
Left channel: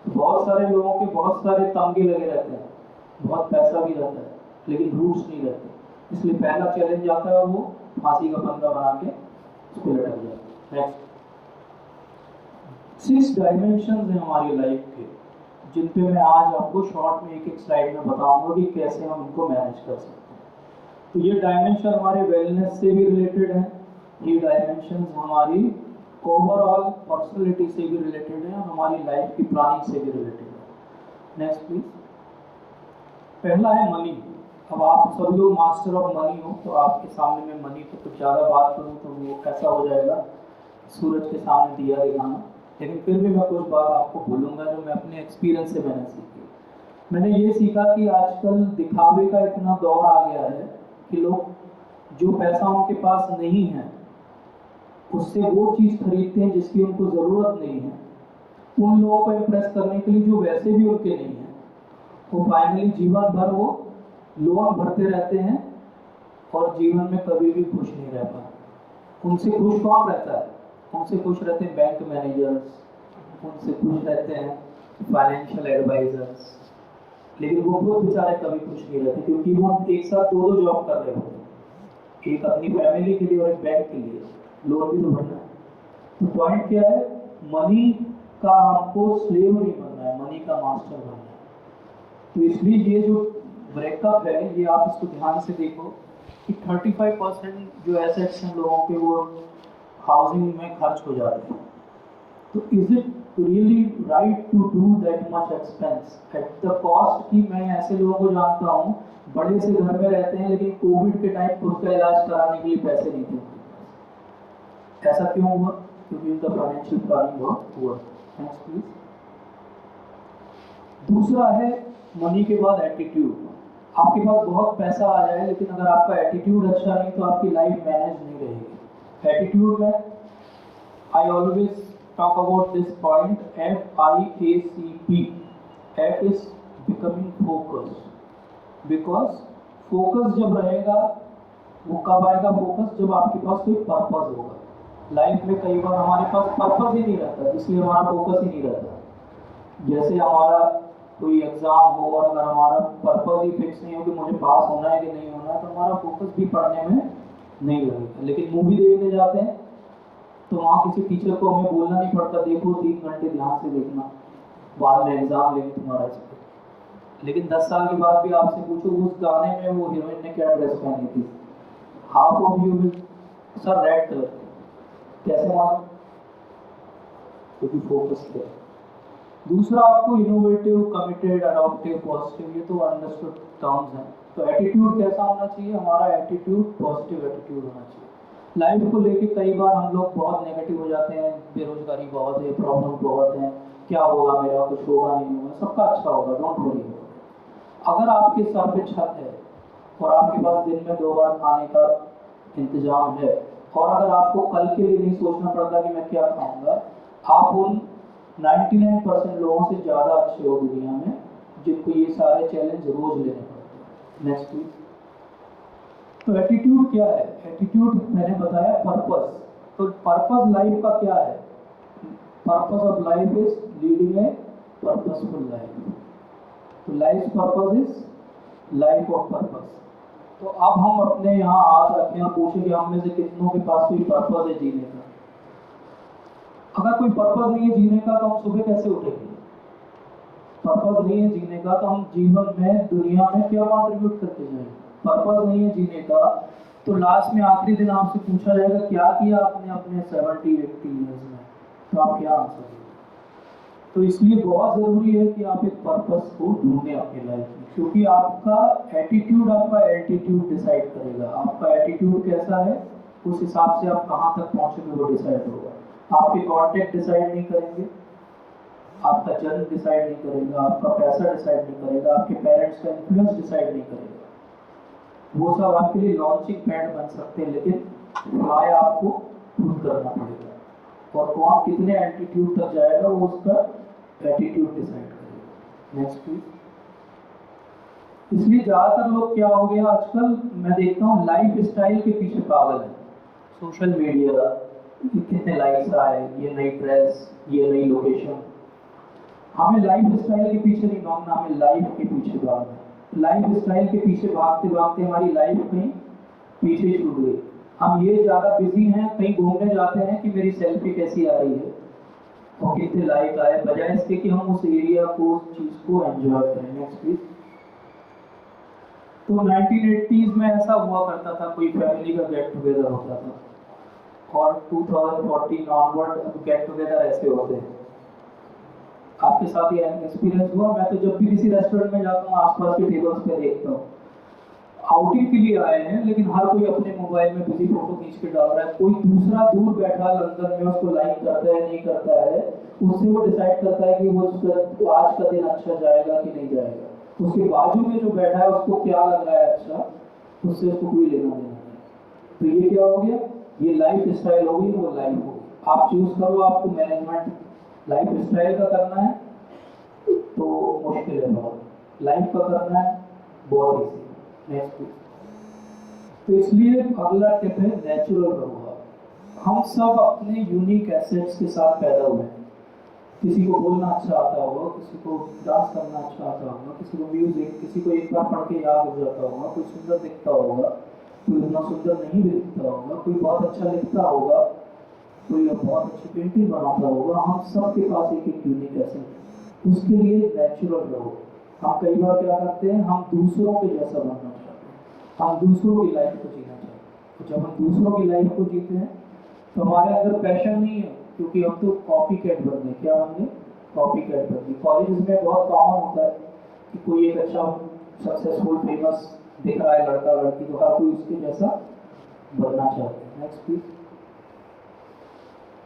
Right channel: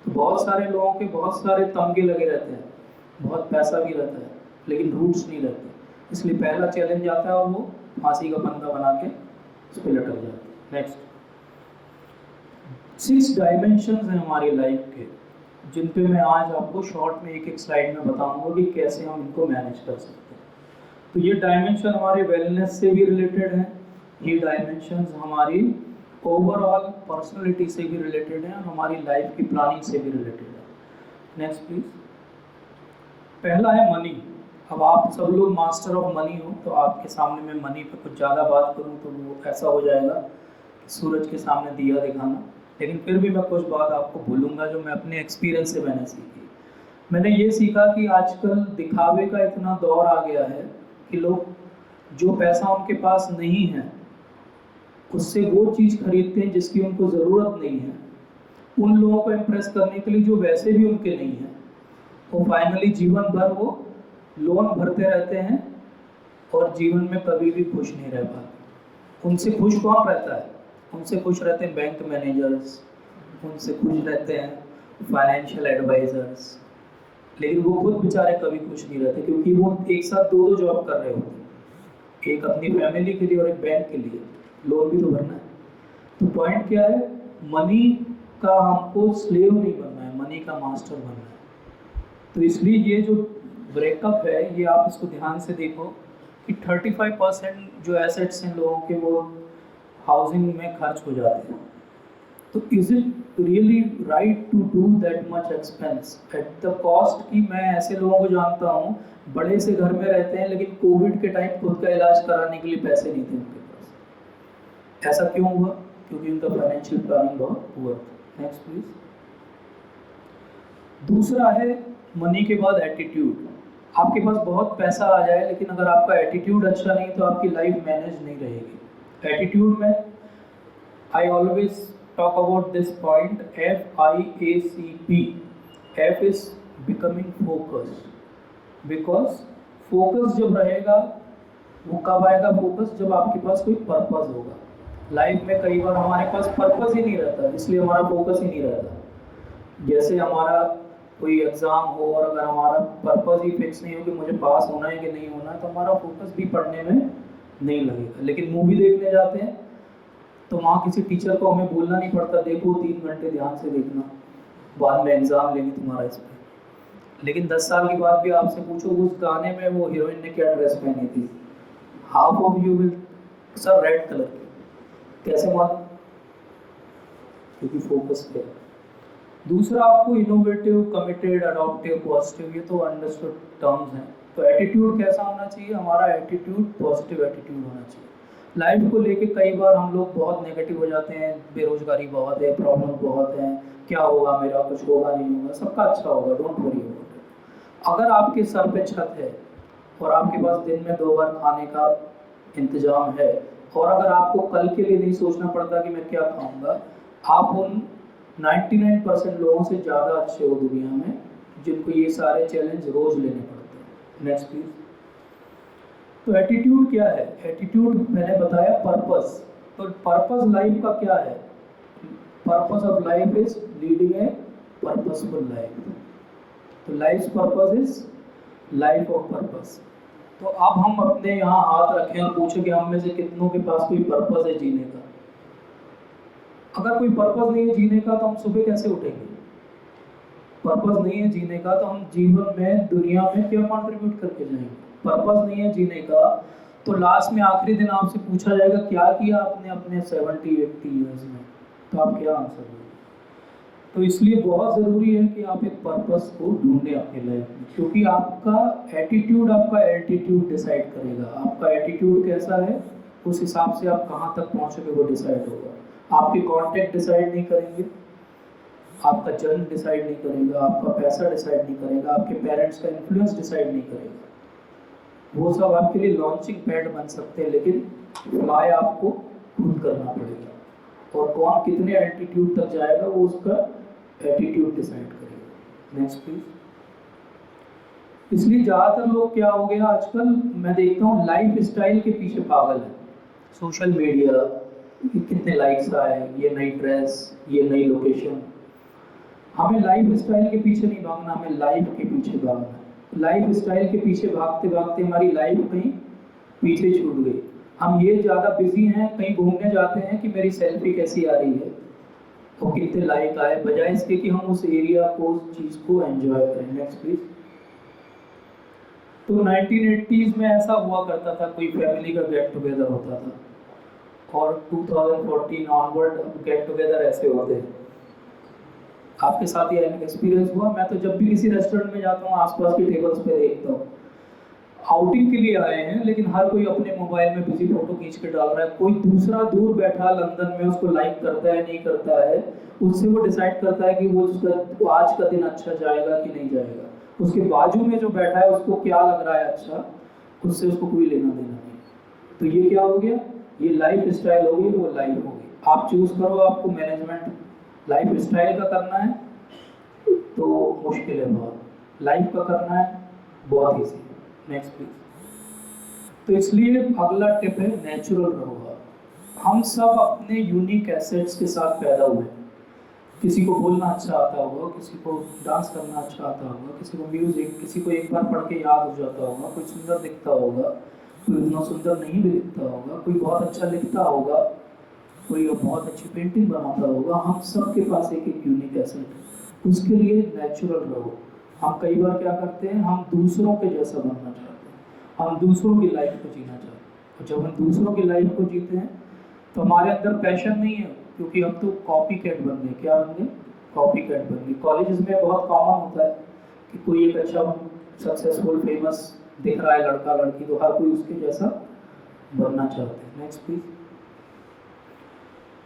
तो बहुत सारे लोगों के बहुत सारे तमगे लगे रहते हैं, बहुत पैसा भी रहता है, लेकिन रूट्स नहीं रहते। इसलिए पहला चैलेंज आता है और वो फांसी का फंदा बना के उस पर लटक जाता है। नेक्स्ट। 6 डायमेंशंस हैं हमारी लाइफ के, जिन पे मैं आज आपको शॉर्ट में एक एक स्लाइड में बताऊंगा कि कैसे हम इनको मैनेज कर सकते हैं। तो ये डायमेंशन हमारे वेलनेस से भी रिलेटेड है, ये डायमेंशंस हमारी ओवरऑल पर्सनैलिटी से भी रिलेटेड है और हमारी लाइफ की प्लानिंग से भी रिलेटेड है। Next please. पहला है मनी। अब आप सब लोग मास्टर ऑफ मनी हो, तो आपके सामने मैं मनी पे कुछ ज़्यादा बात करूँ तो वो ऐसा हो जाएगा सूरज के सामने दिया दिखाना, लेकिन फिर भी मैं कुछ बात आपको भूलूंगा जो मैं अपने एक्सपीरियंस से मैंने सीखी। मैंने ये सीखा कि आजकल दिखावे का इतना दौर आ गया है कि लोग जो पैसा उनके पास नहीं है उससे वो चीज़ खरीदते हैं जिसकी उनको ज़रूरत नहीं है, उन लोगों को इम्प्रेस करने के लिए जो वैसे भी उनके नहीं है। वो फाइनली जीवन भर वो लोन भरते रहते हैं और जीवन में कभी भी खुश नहीं रह पाते। उनसे खुश कौन रहता है? उनसे खुश रहते हैं बैंक मैनेजर्स, उनसे खुश रहते हैं फाइनेंशियल एडवाइजर्स, लेकिन वो खुद बेचारे कभी खुश नहीं रहते, क्योंकि वो एक साथ दो जॉब कर रहे होते हैं, एक अपनी फैमिली के लिए और एक बैंक के लिए, लोन भी तो भरना है। तो पॉइंट क्या है, मनी का हमको स्लेव नहीं बनना है, मनी का मास्टर बनना है। तो इसलिए ये जो ब्रेकअप है, ये आप इसको ध्यान से देखो कि 35% जो एसेट्स हैं लोगों के वो हाउसिंग में खर्च हो जाते हैं। तो is it really right to do that much expense at the cost? कि मैं ऐसे लोगों को जानता हूँ बड़े से घर में रहते हैं, लेकिन कोविड के टाइम खुद का इलाज कराने के लिए पैसे नहीं थे उनके पास। ऐसा क्यों हुआ? क्योंकि उनका फाइनेंशियल प्लानिंग बहुत पुअर था। Next please. दूसरा है मनी के बाद एटीट्यूड। आपके पास बहुत पैसा आ जाए, लेकिन अगर आपका एटीट्यूड अच्छा नहीं तो आपकी लाइफ मैनेज नहीं रहेगी। एटीट्यूड में I always talk about this point, FIACP. F is becoming focused, because focus जब रहेगा, वो कब आएगा फोकस? जब आपके पास कोई पर्पस होगा। लाइफ में कई बार हमारे पास पर्पस ही नहीं रहता, इसलिए हमारा फोकस ही नहीं रहता। जैसे हमारा कोई एग्ज़ाम हो और अगर हमारा पर्पस ही फिक्स नहीं हो कि मुझे पास होना है कि नहीं होना है, तो हमारा फोकस भी पढ़ने में नहीं लगेगा। लेकिन मूवी देखने जाते हैं तो वहाँ किसी टीचर को हमें बोलना नहीं पड़ता, देखो 3 घंटे ध्यान से देखना, बाद में एग्जाम लेंगे तुम्हारा इस पर। लेकिन 10 साल के बाद भी आपसे पूछो उस गाने में वो हीरोइन ने क्या ड्रेस पहनी थी, half of you will sir red colour की, कैसे मालूम? क्योंकि फोकस किया। दूसरा आपको इनोवेटिव, कमिटेड, अडॉप्टिव, पॉजिटिव, ये तो अंडरस्टूड टर्म्स हैं। तो एटीट्यूड कैसा होना चाहिए? हमारा एटीट्यूड पॉजिटिव एटीट्यूड होना चाहिए। लाइफ को लेके कई बार हम लोग बहुत नेगेटिव हो जाते हैं, बेरोजगारी बहुत है, प्रॉब्लम बहुत है, क्या होगा मेरा, कुछ होगा नहीं होगा, सबका अच्छा होगा, डोंट वरी। अगर आपके सर पे छत है और आपके पास दिन में 2 बार खाने का इंतजाम है, और अगर आपको कल के लिए नहीं सोचना पड़ता कि मैं क्या खाऊंगा, आप उन 99% लोगों से ज़्यादा अच्छे हो दुनिया में, जिनको ये सारे चैलेंज रोज लेने पड़ते हैं। Next please. तो एटीट्यूड क्या है? एटीट्यूड मैंने बताया पर्पस। तो पर्पस लाइफ का क्या है? Purpose of life is leading a purposeful life. तो life purpose is life of purpose. तो अब हम अपने यहाँ हाथ रखें और पूछें कि हम में से कितनों के पास कोई पर्पस है जीने का। अगर कोई पर्पस नहीं है जीने का तो हम सुबह कैसे उठेंगे? पर्पस नहीं है जीने का तो हम जीवन में दुनिया में क्या कंट्रीब्यूट करके जाएंगे? पर्पस नहीं है जीने का तो लास्ट में आखिरी दिन आपसे पूछा जाएगा क्या किया आपने अपने 70-80 ईयर्स में, तो आप क्या आंसर देंगे? तो इसलिए बहुत ज़रूरी है कि आप एक पर्पस को ढूंढें अपनी लाइफ में, क्योंकि आपका एटीट्यूड आपका एल्टीट्यूड डिसाइड करेगा। आपका एटीट्यूड कैसा है उस हिसाब से आप कहाँ तक पहुँचोगे वो डिसाइड होगा। आपके कॉन्टेक्ट डिसाइड नहीं करेंगे, आपका जन्म डिसाइड नहीं करेगा, आपका पैसा डिसाइड नहीं करेगा, आपके पेरेंट्स का इन्फ्लुएंस डिसाइड नहीं करेगा। वो सब आपके लिए लॉन्चिंग पैड बन सकते हैं, लेकिन फ्लाई आपको खुद करना पड़ेगा। और कौन कितने एल्टीट्यूड तक जाएगा वो उसका एटीट्यूड डिसाइड करेगा। Next please. इसलिए ज़्यादातर लोग क्या हो गया आजकल मैं देखता हूँ लाइफ स्टाइल के पीछे पागल है। सोशल मीडिया, कितने लाइक्स आए, ये नई ड्रेस, ये नई लोकेशन। हमें लाइफ स्टाइल के पीछे नहीं भागना, हमें लाइफ के पीछे भागना है। लाइफ स्टाइल के पीछे भागते भागते हमारी लाइफ कहीं पीछे छूट गई। हम ये ज़्यादा बिजी हैं, कहीं घूमने जाते हैं कि मेरी सेल्फी कैसी आ रही है और कितने लाइक आए, बजाय इसके कि हम उस एरिया को, उस चीज़ को एंजॉय करें। Next please. तो 1980s में ऐसा हुआ करता था, कोई फैमिली का गेट टुगेदर होता था, और 2014 ऑनवर्ड अब गेट टुगेदर ऐसे होते हैं। आपके साथ ये एक्सपीरियंस हुआ? मैं तो जब भी किसी रेस्टोरेंट में जाता हूँ आसपास के टेबल्स पे देखता हूँ, आउटिंग के लिए आए हैं लेकिन हर कोई अपने मोबाइल में बिजी फोटो खींच के डाल रहा है। कोई दूसरा दूर बैठा लंदन में उसको लाइक करता है नहीं करता है, उससे वो डिसाइड करता है कि वो उसका आज का दिन अच्छा जाएगा कि नहीं जाएगा। उसके बाजू में जो बैठा है उसको क्या लग रहा है अच्छा, उससे उसको कोई लेना देना नहीं। तो ये क्या हो गया? ये लाइफ स्टाइल हो गई, वो लाइफ हो गई। आप चूज करो, आपको मैनेजमेंट लाइफ स्टाइल का करना है तो मुश्किल है बहुत, लाइफ का करना है बहुत ईजी। Next please. तो इसलिए अगला टिप है नेचुरल रहो। हम सब अपने यूनिक एसेट्स के साथ पैदा हुए हैं। किसी को बोलना अच्छा आता होगा, किसी को डांस करना अच्छा आता होगा, किसी को म्यूजिक, किसी को एक बार पढ़ के याद हो जाता होगा, कोई सुंदर दिखता होगा, कोई उतना सुंदर नहीं भी दिखता होगा, कोई बहुत अच्छा लिखता होगा, कोई बहुत अच्छी पेंटिंग बनाता होगा। हम सब के पास एक एक यूनिक एसेट है। उसके लिए नेचुरल रहो। हम कई बार क्या करते हैं, हम दूसरों के जैसा बनना चाहते हैं, हम दूसरों की लाइफ को जीना चाहते हैं। तो जब हम दूसरों की लाइफ को जीते हैं तो हमारे अंदर पैशन नहीं है, क्योंकि हम तो कॉपी कैट बन गए। क्या बन गए? कॉपी कैट बन गए। कॉलेजेस में बहुत कॉमन होता है कि कोई एक अच्छा सक्सेसफुल फेमस दिख रहा है लड़का लड़की, तो हर कोई उसके जैसा बनना चाहते हैं। Next please.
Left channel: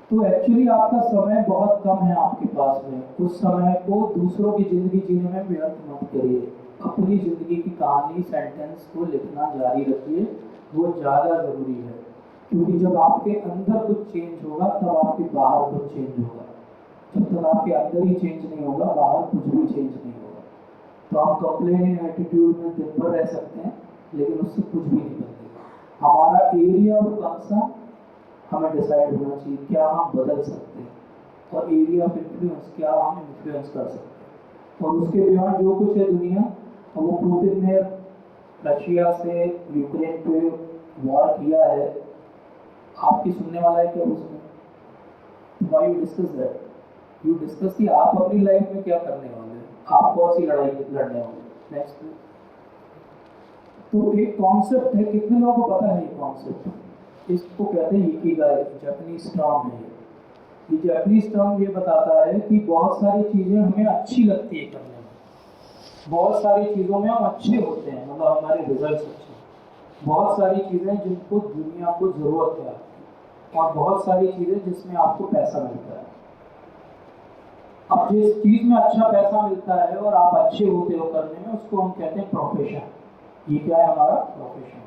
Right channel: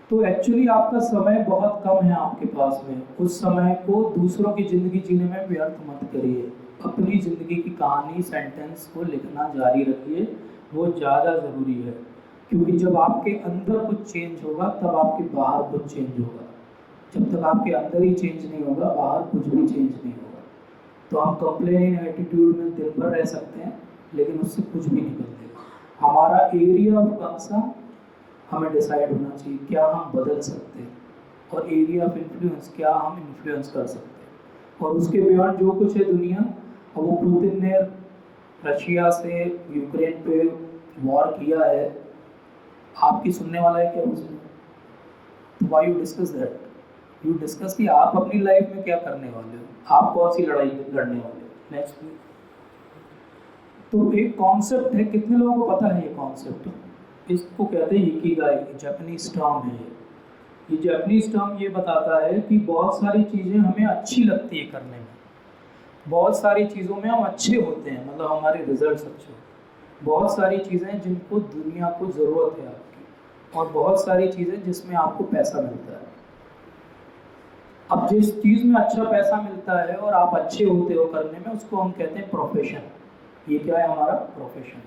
तो एक्चुअली आपका समय बहुत कम है आपके पास में, उस समय को दूसरों की ज़िंदगी जीने में व्यर्थ मत करिए। अपनी ज़िंदगी की कहानी, सेंटेंस को लिखना जारी रखिए, वो ज़्यादा ज़रूरी है। क्योंकि जब आपके अंदर कुछ चेंज होगा तब आपके बाहर कुछ चेंज होगा। जब तक आपके अंदर ही चेंज नहीं होगा बाहर कुछ भी चेंज नहीं होगा। तो हम कंप्लेनिंग एटीट्यूड में दिन भर रह सकते हैं लेकिन उससे कुछ भी नहीं बदलेगा। हमारा एरिया ऑफ कंसर्न हमें डिसाइड होना चाहिए, क्या हम बदल सकते हैं, और एरिया ऑफ इन्फ्लुएंस, क्या हम इन्फ्लुएंस कर सकते हैं। और उसके बियॉन्ड जो कुछ है दुनिया, वो पुतिन ने रशिया से यूक्रेन पे वॉर किया है, आपकी सुनने वाला है क्या उसमें? तो why you discuss that? You discuss कि आप अपनी लाइफ में क्या करने वाले हो, आप कौन सी लड़ाई लड़ने वाले हो। नेक्स्ट। तो एक कॉन्सेप्ट है, कितने लोगों को पता है ये कॉन्सेप्ट? इसको कहते हैं इकिगाई, जापानीज टर्म है ये जापानीज टर्म ये बताता है कि बहुत सारी चीज़ें हमें अच्छी लगती है करने में, बहुत सारी चीज़ों में हम अच्छे होते हैं, मतलब हमारे रिजल्ट्स अच्छे, बहुत सारी चीज़ें जिनको दुनिया को ज़रूरत है आपकी, और बहुत सारी चीज़ें जिसमें आपको पैसा मिलता है। अब जिस चीज़ में अच्छा पैसा मिलता है और आप अच्छे होते हो करने में, उसको हम कहते हैं प्रोफेशन। ये क्या है? हमारा प्रोफेशन।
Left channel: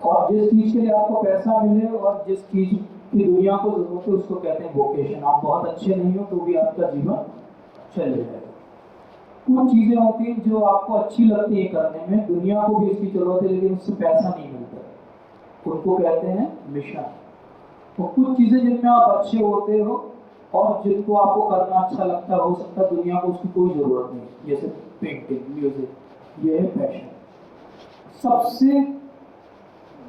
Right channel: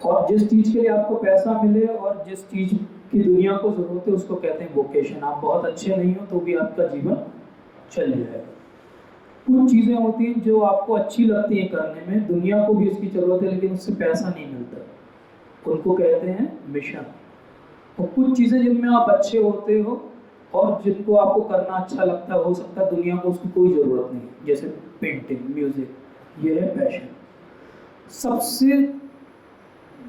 और जिस चीज़ के लिए आपको पैसा मिले और जिस चीज़ की दुनिया को ज़रूरत है उसको कहते हैं वोकेशन। आप बहुत अच्छे नहीं हो तो भी आपका जीवन चल जाएगा। कुछ चीज़ें होती हैं जो आपको अच्छी लगती है करने में, दुनिया को भी उसकी ज़रूरत है लेकिन उससे पैसा नहीं मिलता, उनको कहते हैं मिशन। और कुछ चीज़ें जिनमें आप अच्छे होते हो और जिनको आपको करना अच्छा लगता है, हो सकता है दुनिया को उसकी कोई ज़रूरत नहीं, जैसे पेंटिंग, म्यूज़िक, ये है पैशन। सबसे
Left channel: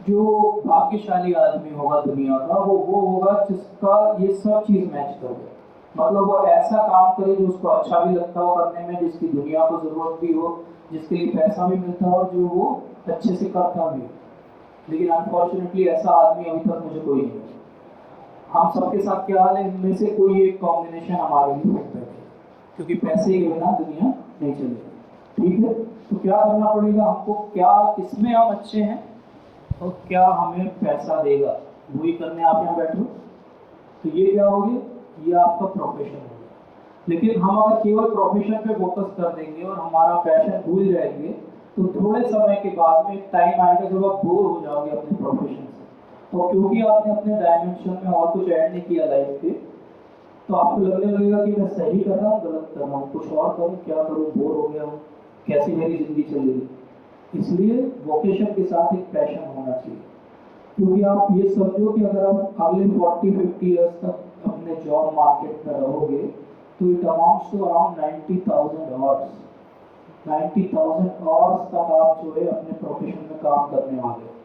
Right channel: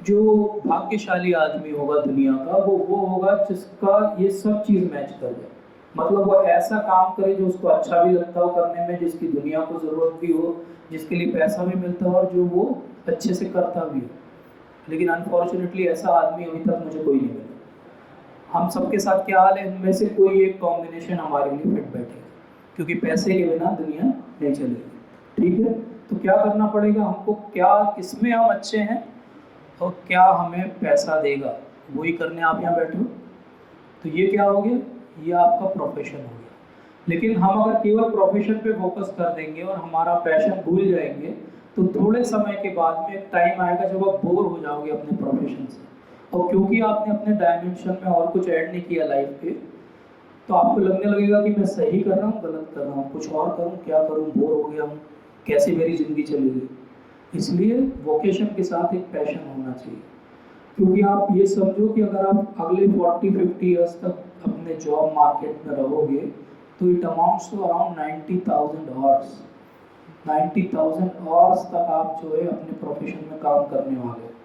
जो भाग्यशाली आदमी होगा दुनिया का वो होगा जिसका ये सब चीज़ मैच कर जाए। मतलब वो ऐसा काम करे जो उसको अच्छा भी लगता हो करने में, जिसकी दुनिया को ज़रूरत भी हो, जिसके लिए पैसा भी मिलता हो और जो वो अच्छे से करता भी हो। लेकिन अनफॉर्चुनेटली ऐसा आदमी अभी तक मुझे कोई नहीं मिला। हम सबके साथ क्या हाल है, इनमें से कोई एक कॉम्बिनेशन हमारे लिए फिट बैठे, क्योंकि पैसे के बिना दुनिया नहीं चलेगी। ठीक है, तो क्या करना पड़ेगा हमको, क्या किसमें हम अच्छे हैं और क्या हमें पैसा देगा, वही करने आप यहाँ बैठे हो। तो ये क्या हो गया, ये आपका प्रोफेशन हो गया। लेकिन हम अगर केवल प्रोफेशन पे फोकस कर देंगे और हमारा पैशन भूल जाएंगे, तो थोड़े समय के बाद में एक टाइम आएगा जब आप बोर हो जाओगे अपने प्रोफेशन से, और क्योंकि आपने अपने डायमेंशन में और कुछ ऐड नहीं किया लाइफ के, तो आपको लगने लगेगा कि मैं सही कर रहा हूँ गलत कर रहा हूँ, कुछ और करूँ क्या करूँ, बोर हो गया हूँ, कैसे मेरी ज़िंदगी चलेगी। इसलिए वोकेशन के साथ एक पैशन होना चाहिए। क्योंकि आप ये समझो कि अगर आप अगले 40-50 ईयर्स तक अपने जॉब मार्केट में रहोगे, तो it amounts to around 90,000 hours. 90,000 hours तक आप जो है अपने प्रोफेशन में काम करने वाले।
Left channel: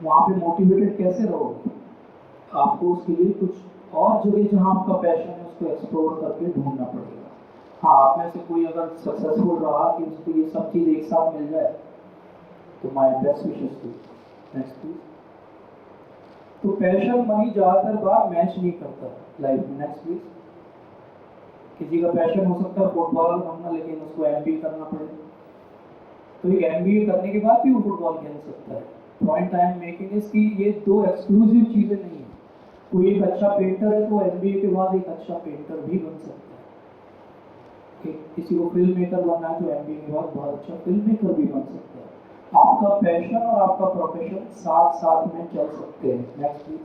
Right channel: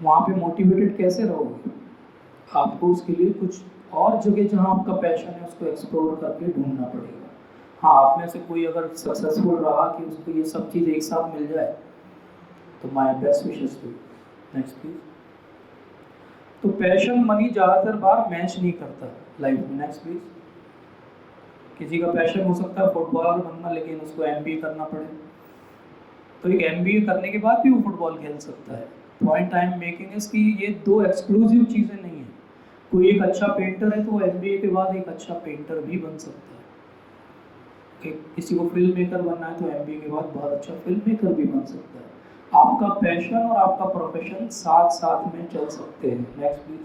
वहाँ पे मोटिवेटेड कैसे रहोगे? आपको उसके लिए कुछ और जगह जहाँ आपका पैशन है उसको एक्सप्लोर करके ढूंढना पड़ेगा। हाँ, आप में से कोई अगर सक्सेसफुल रहा कि उसको ये सब चीज़ एक साथ मिल जाए, तो my best wishes to. Next please. तो पैशन मनी ज़्यादातर बार मैच नहीं करता लाइफ में। Next please. किसी का पैशन हो सकता है फुटबॉलर बनना, लेकिन उसको एमबीए करना पड़े, तो एक एमबीए करने के बाद भी वो फुटबॉल खेल सकता है। Point I am making is कि ये दो एक्सक्लूसिव चीज़ें नहीं है। कोई एक अच्छा पेंटर है तो एमबीए के बाद एक अच्छा पेंटर भी बन सकता है। किसी को फिल्म मेकर बनना है तो एमबीए के बाद बहुत अच्छा फिल्म मेकर भी बन सकता है। आपका पैशन और आपका प्रोफेशन साथ साथ में चल सकते हैं। Next please.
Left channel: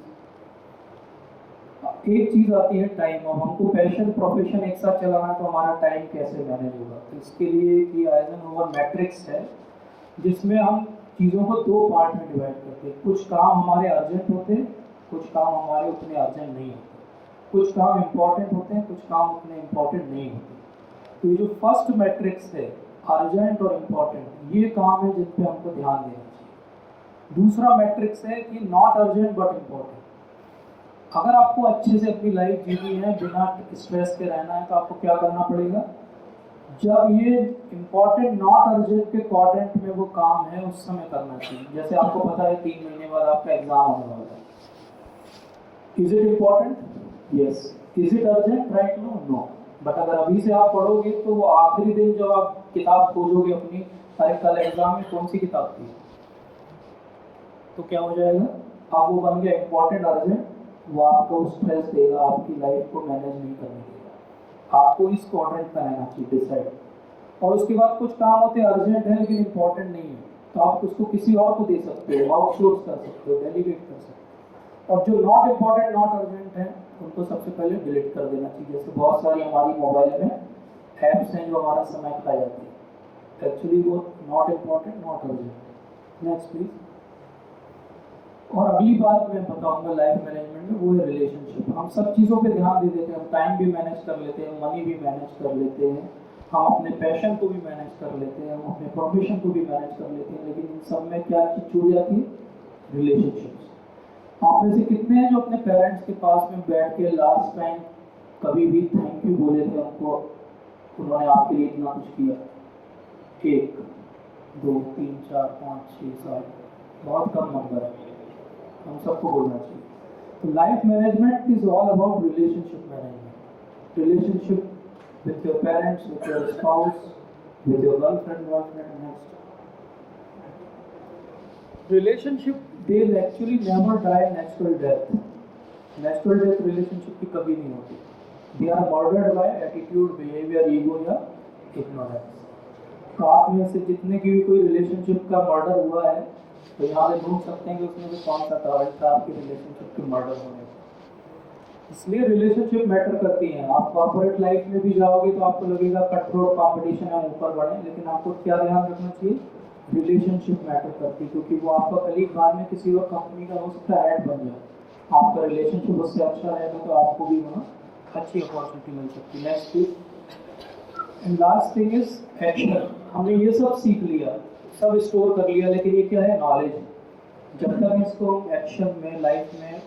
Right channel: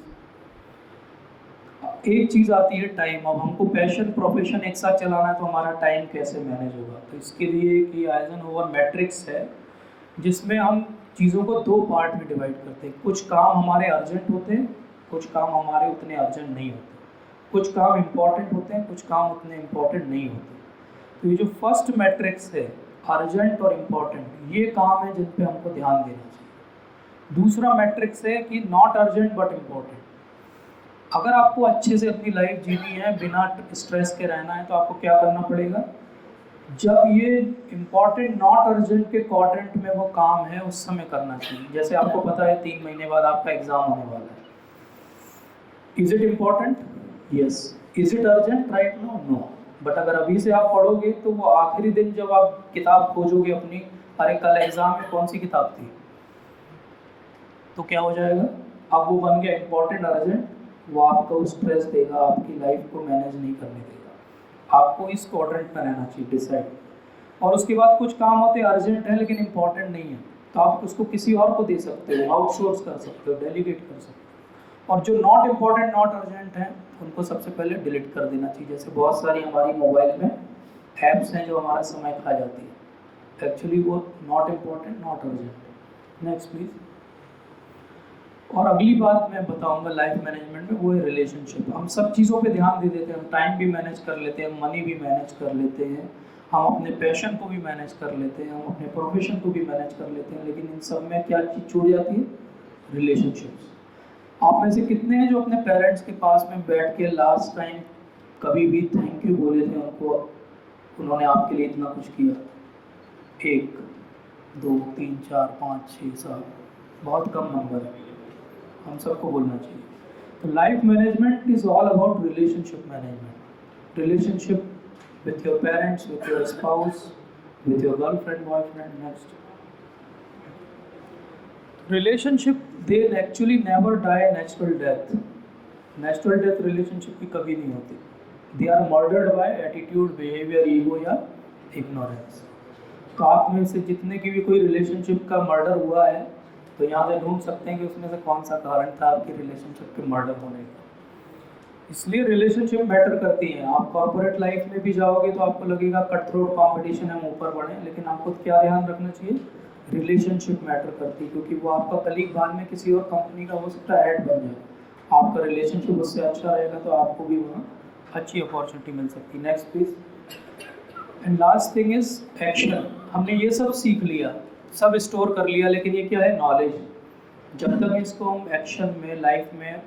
एक चीज़ आती है टाइम। अब हमको पैशन प्रोफेशन एक साथ चलाना है तो हमारा टाइम कैसे मैनेज होगा? तो इसके लिए एक आइजनहोवर मैट्रिक्स है जिसमें हम चीज़ों को दो पार्ट में डिवाइड करते हैं। कुछ काम हमारे अर्जेंट होते हैं, कुछ काम हमारे उतने अर्जेंट नहीं होते। कुछ काम इम्पॉर्टेंट होते हैं, कुछ काम उतने इम्पॉर्टेंट नहीं होते। तो ये जो फर्स्ट मैट्रिक्स है, अर्जेंट और इम्पॉर्टेंट, ये काम है जिन पे हमको ध्यान देना चाहिए। दूसरा मैट्रिक्स है कि नॉट अर्जेंट बट इम्पॉर्टेंट। अगर आपको अच्छे से अपनी लाइफ जीनी है, बिना स्ट्रेस के रहना है, तो आपको क्या करना पड़ेगा? जब ये इम्पॉर्टेंट नॉट अर्जेंट के क्वाड्रेंट में वो काम है उस समय करना चाहिए। जैसे आपको पता है 3 महीने बाद आपका एग्जाम होने वाला है। Is it important? Yes. Is it urgent right now? No. But अगर अभी से आप पढ़ोगे तो वो आखिरी दिन जब आप किताब खोजोगे अपनी, अरे कल एग्जाम में कौन सी किताब थी, तो क्या हो जाएगा? अब वो बन गया इम्पॉर्टेंट अर्जेंट। वो आपको स्ट्रेस देगा, आपकी लाइफ को मैनेज नहीं करने देगा। आपको इस क्वाड्रेंट में रहना चाहिए, डिसाइड। और उसके बाद कुछ काम होते हैं अर्जेंट है लेकिन इम्पॉर्टेंट नहीं है, तो आप उसको किसी और को दे सकते हो, आउटसोर्स कर सकते हो, डेलीगेट कर सकते हो। और जो नॉट इम्पॉर्टेंट नॉट अर्जेंट है उनको सबसे पहले डिलीट कर देना चाहिए। जैसे बहुत सारी हमारी मोबाइल में ऐप्स हैं जो हमारा समय खा जाती है, एक्चुअली वो not important not urgent. Next please. और अगली बात मैं बताऊंगा लाइफ मैनेजमेंट में, वो है रिलेशनशिप। हम सब चीज़ों पे ध्यान दे देते हैं, हम टाइम भी मैनेज कर लेते हैं, मनी भी मैनेज कर लेते हैं, हम अपने पैशन को भी मैनेज कर लेते हैं, हम अपने प्रोफेशन को भी मैनेज कर लेते हैं, लेकिन इन सब में क्या चीज़ छूट जाती है? रिलेशनशिप्स। आप में से कितने हैं जो अपने पेरेंट्स के पास में बैठ के लास्ट टाइम कभी भी थैंक यू बोले थे उनको, उन्होंने आपके लिए इतना कुछ किया? 1 2 3 4 5 6 7, बहुत कम नंबर है, हम सबको बोलना चाहिए। तो life management is all about relationship management. Relationship with your parents, with your spouse, with your girlfriend, boyfriend. Next. Relationship, they'll actually never die natural death. Natural death relationship की कभी नहीं होती। They are murdered by attitude, behavior, ego या ignorance. तो आप में से जितने की भी कोई रिलेशनशिप का मर्डर हुआ है, तो यहाँ से ढूंढ सकते हैं कि उसमें से कौन सा कारण था आपकी रिलेशनशिप के मर्डर होने का। इसलिए रिलेशनशिप मैटर करती हैं। आप कॉर्पोरेट लाइफ में भी जाओगे तो आपको लगेगा कट थ्रोट कंपटीशन है, हम ऊपर बढ़े, लेकिन आपको क्या ध्यान रखना चाहिए? रिलेशनशिप मैटर करती है, क्योंकि वो आपका कलीग बाद में किसी और कंपनी का हो सकता है हेड बन जाए। आपका रिलेशनशिप उससे अच्छा रहेगा तो आपको भी वहाँ अच्छी अपॉर्चुनिटी मिल सकती है। Next please. And last thing is action. हमने ये सब सीख लिया, सब स्टोर कर लिया, लेकिन ये क्या है? नॉलेज। जब तक इसको हम एक्शन में, लाइफ में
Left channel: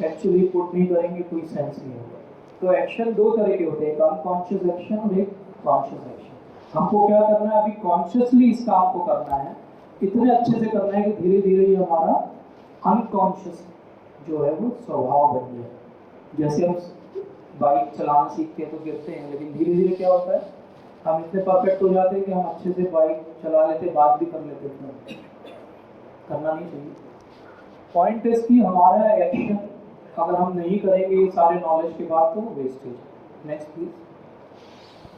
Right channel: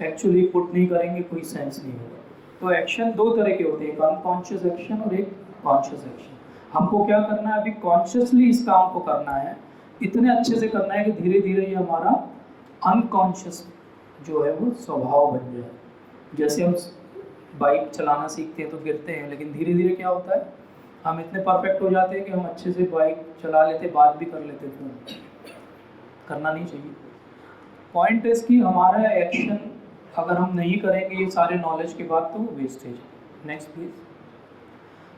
एक्चुअली पुट नहीं करेंगे, कोई सेंस नहीं होगा। तो एक्शन दो तरह के होते हैं, एक अनकॉन्शियस एक्शन और एक कॉन्शियस एक्शन। हमको क्या करना है? अभी कॉन्शियसली इस काम को करना है, इतने अच्छे से करना है कि धीरे धीरे ये हमारा अनकॉन्शियस जो है वो स्वभाव बन जाए। जैसे हम बाइक चलाना सीखते हैं तो गिरते हैं, लेकिन धीरे धीरे क्या होता है, हम इतने परफेक्ट हो जाते हैं कि हम अच्छे से बाइक चला लेते, बात भी कर लेते थे। करना नहीं चाहिए। पॉइंट इज कि हमारा एक्शन अगर हम नहीं करेंगे ये सारे नॉलेज के बाद, तो वो वेस्टेज है। Next please.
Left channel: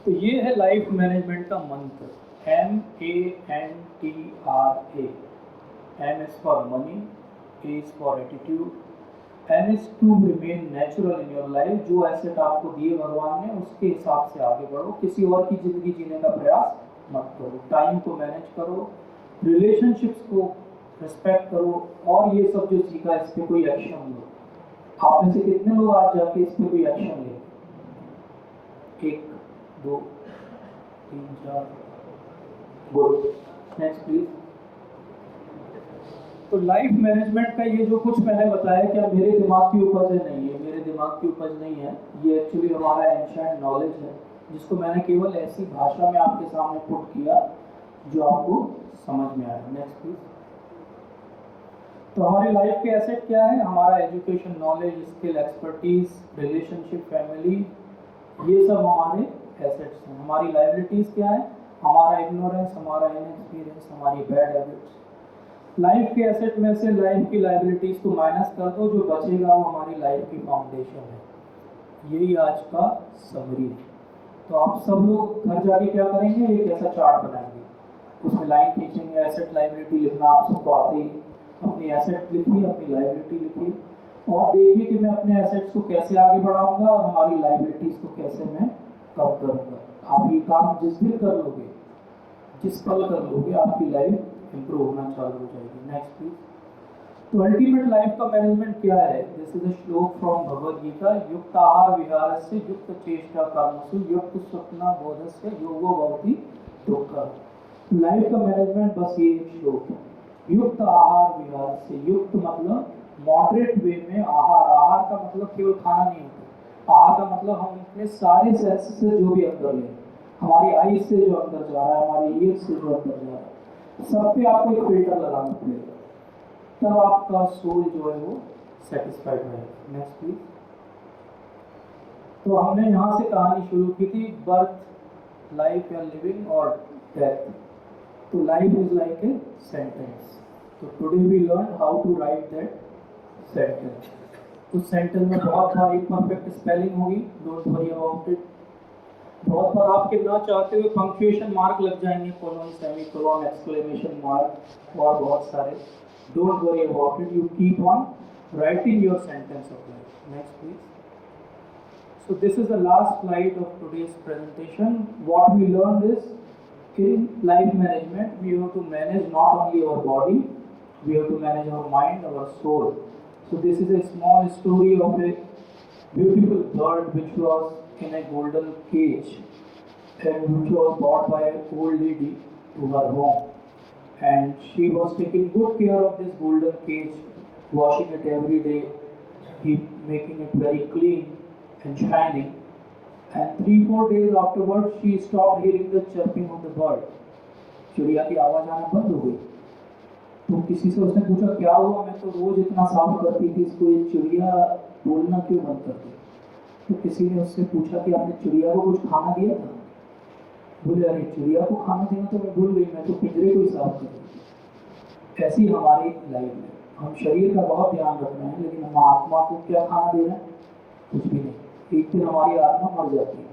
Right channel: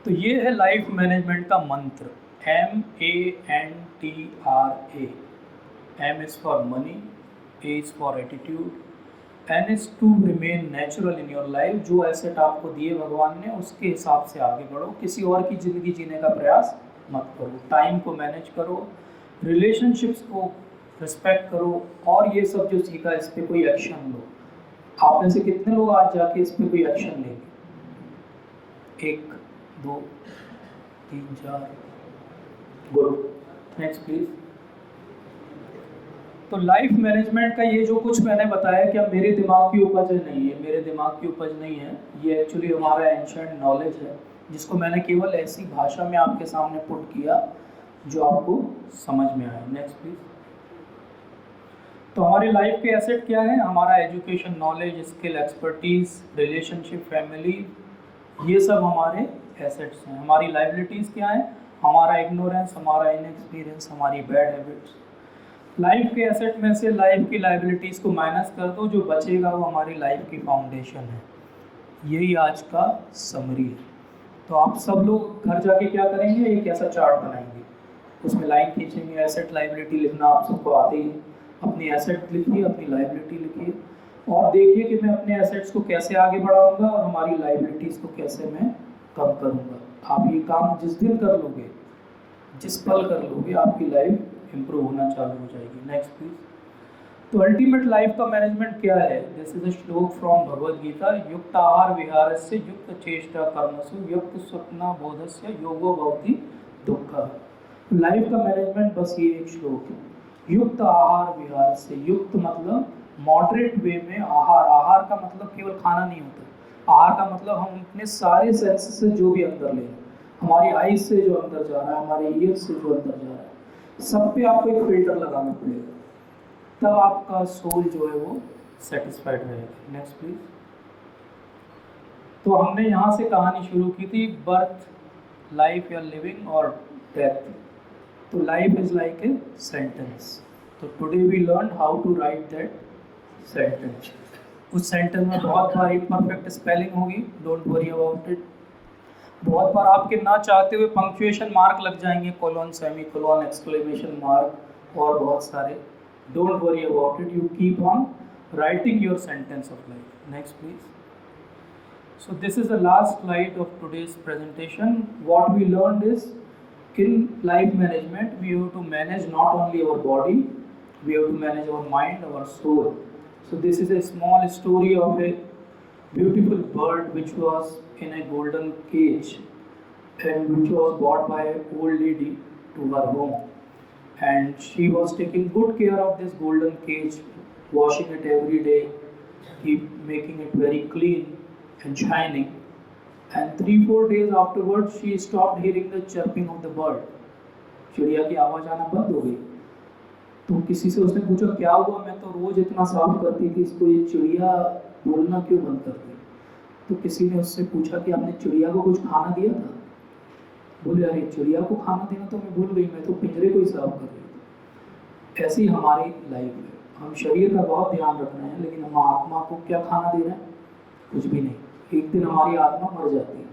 तो ये है लाइफ मैनेजमेंट का मंत्र, MANTRA। M is for money, A is for attitude, N is to remain natural in your life। जो एसेट आपको दिए भगवान ने, उसके हिसाब से आगे बढ़ो, किसी और की ज़िंदगी जीने का प्रयास मत करो। टाइम को मैनेज करो, रिलेशनशिप्स को रिस्पेक्ट करो, और ये सब जो सीखा इस पर कोई एक्शन लो। आप में से कितने लोग आज जाके इस पर कोई एक्शन लेंगे? 1 2 3 4। गुड। Next please. तो लाइफ मैनेजमेंट का ये जो कुछ मैंने बताया, क्या मेरे दिमाग की उपज है? नहीं है, मेरे दिमाग की उपज नहीं है। ये एक्चुअली हमारा एंशिएंट नॉलेज है, जिसको मैंने केवल ऐसी भाषा में आपके सामने पुट किया जो आपको समझ में आए। Next please. तो हमारी लाइफ के एसेट क्या है? हमारा education, knowledge, skill, expertise, relationship, family, ये सब हमारे एसेट्स हैं। हमारी लाइबिलिटीज़ क्या है? हमारा इग्नोरेंस, हमारा इनएक्सपीरियंस, हमारी बैड हैबिट्स। लाइफ के एसेट में से लाइफ की लाइबिलिटीज़ को माइनस कर दो, जो बचेगा वो हमारी लाइफ की फाउंडेशन है। यही आज का समरी है। तो आप सब लोग घर जाके क्या करेंगे? एक ऐसा चार्ट बनाएंगे, उसमें लाइन खींचेंगे, एसेट लाइबिलिटी लिखना आप सबको आते ही। अपनी एसेट लिखिए, अपनी लाइबिलिटी लिखिए, और देखिए कि मैं अपने एसेट्स को कैसे आगे बढ़ाऊंगा और हमारी लाइबिलिटीज़ को कैसे मैं कम करूंगा। आप ये काम जिस दिन कर लोगे, जिस पल कर लोगे, आपकी लाइफ इंप्रूव होना चालू हो जाएगी। Next please. तो अल्टीमेट लाइफ का मैनेजमेंट क्या है? दिस इज अ श्लोक फ्रॉम भगवद गीता। युक्त आहार विहारस्य युक्त चेष्टा कर्मसु युक्त स्वप्न बोधस्य योगो भवति दुःखः। लाइफ का मैनेजमेंट बस ये एक श्लोक है। युक्त आहार विहार से, युक्त मतलब मॉडरेट वे में, आहार, आहार का मतलब केवल खाना नहीं होता। आहार का मतलब हम अपने सारे सेंसेस से जो भी अंदर ले, हमारी आईज से जो अंदर जा रहा है, हमारे ईयर्स से जो अंदर जा रहा है, सब पे आपको एक फिल्टर लगाना पड़ेगा, तब आपका सोल जो है वो सेटिस्फाइड रहेगा। Next please. तो हमने यहाँ से कहानी शुरू की थी, बर्थ, लाइफ या लिविंग और डेथ। तो life is like a sentence. तो today we learn how to write that sentence. उस सेंटेंस में बहुत बार इम्परफेक्ट स्पेलिंग होगी, डोंट वरी अबाउट इट। बहुत बार आपके ना चाहते हुए पंक्चुएशन मार्क लग जाएंगे, कोलोन, सेमीकोलोन, एक्सक्लेमेशन मार्क और बहुत सारे। Don't worry about it, you keep on writing your sentence of life. Next please. So this is the last slide of today's presentation. What we learned is, in life management, we have to manage not only our body, we have to manage our mind, our soul. So this is a small story of a beautiful bird which was in a golden cage and which was brought by an old lady to her home. And she was taking good care of this golden cage, washing it every day, making it very clean and shining. And 3-4 days afterwards, she stopped hearing the chirping of the bird. चिड़िया की आवाज़ आना बंद हो गई। तो किसी से उसने पूछा क्या हुआ, मैं तो रोज इतना साफ करती थी, इसको ये चिड़िया बोलना क्यों बंद कर दी? तो किसी ने उससे पूछा कि आपने चिड़िया को कुछ खाना दिया था? बोले अरे चिड़िया को खाना देना तो मैं भूल गई, मैं तो पिंजरे को ही साफ कर रही थी। ऐसी हमारी लाइफ है। हम शरीर का बहुत ध्यान रख रहे हैं, लेकिन हम आत्मा को क्या खाना दे रहे हैं? कुछ भी नहीं। एक दिन हमारी आत्मा मर जाती है,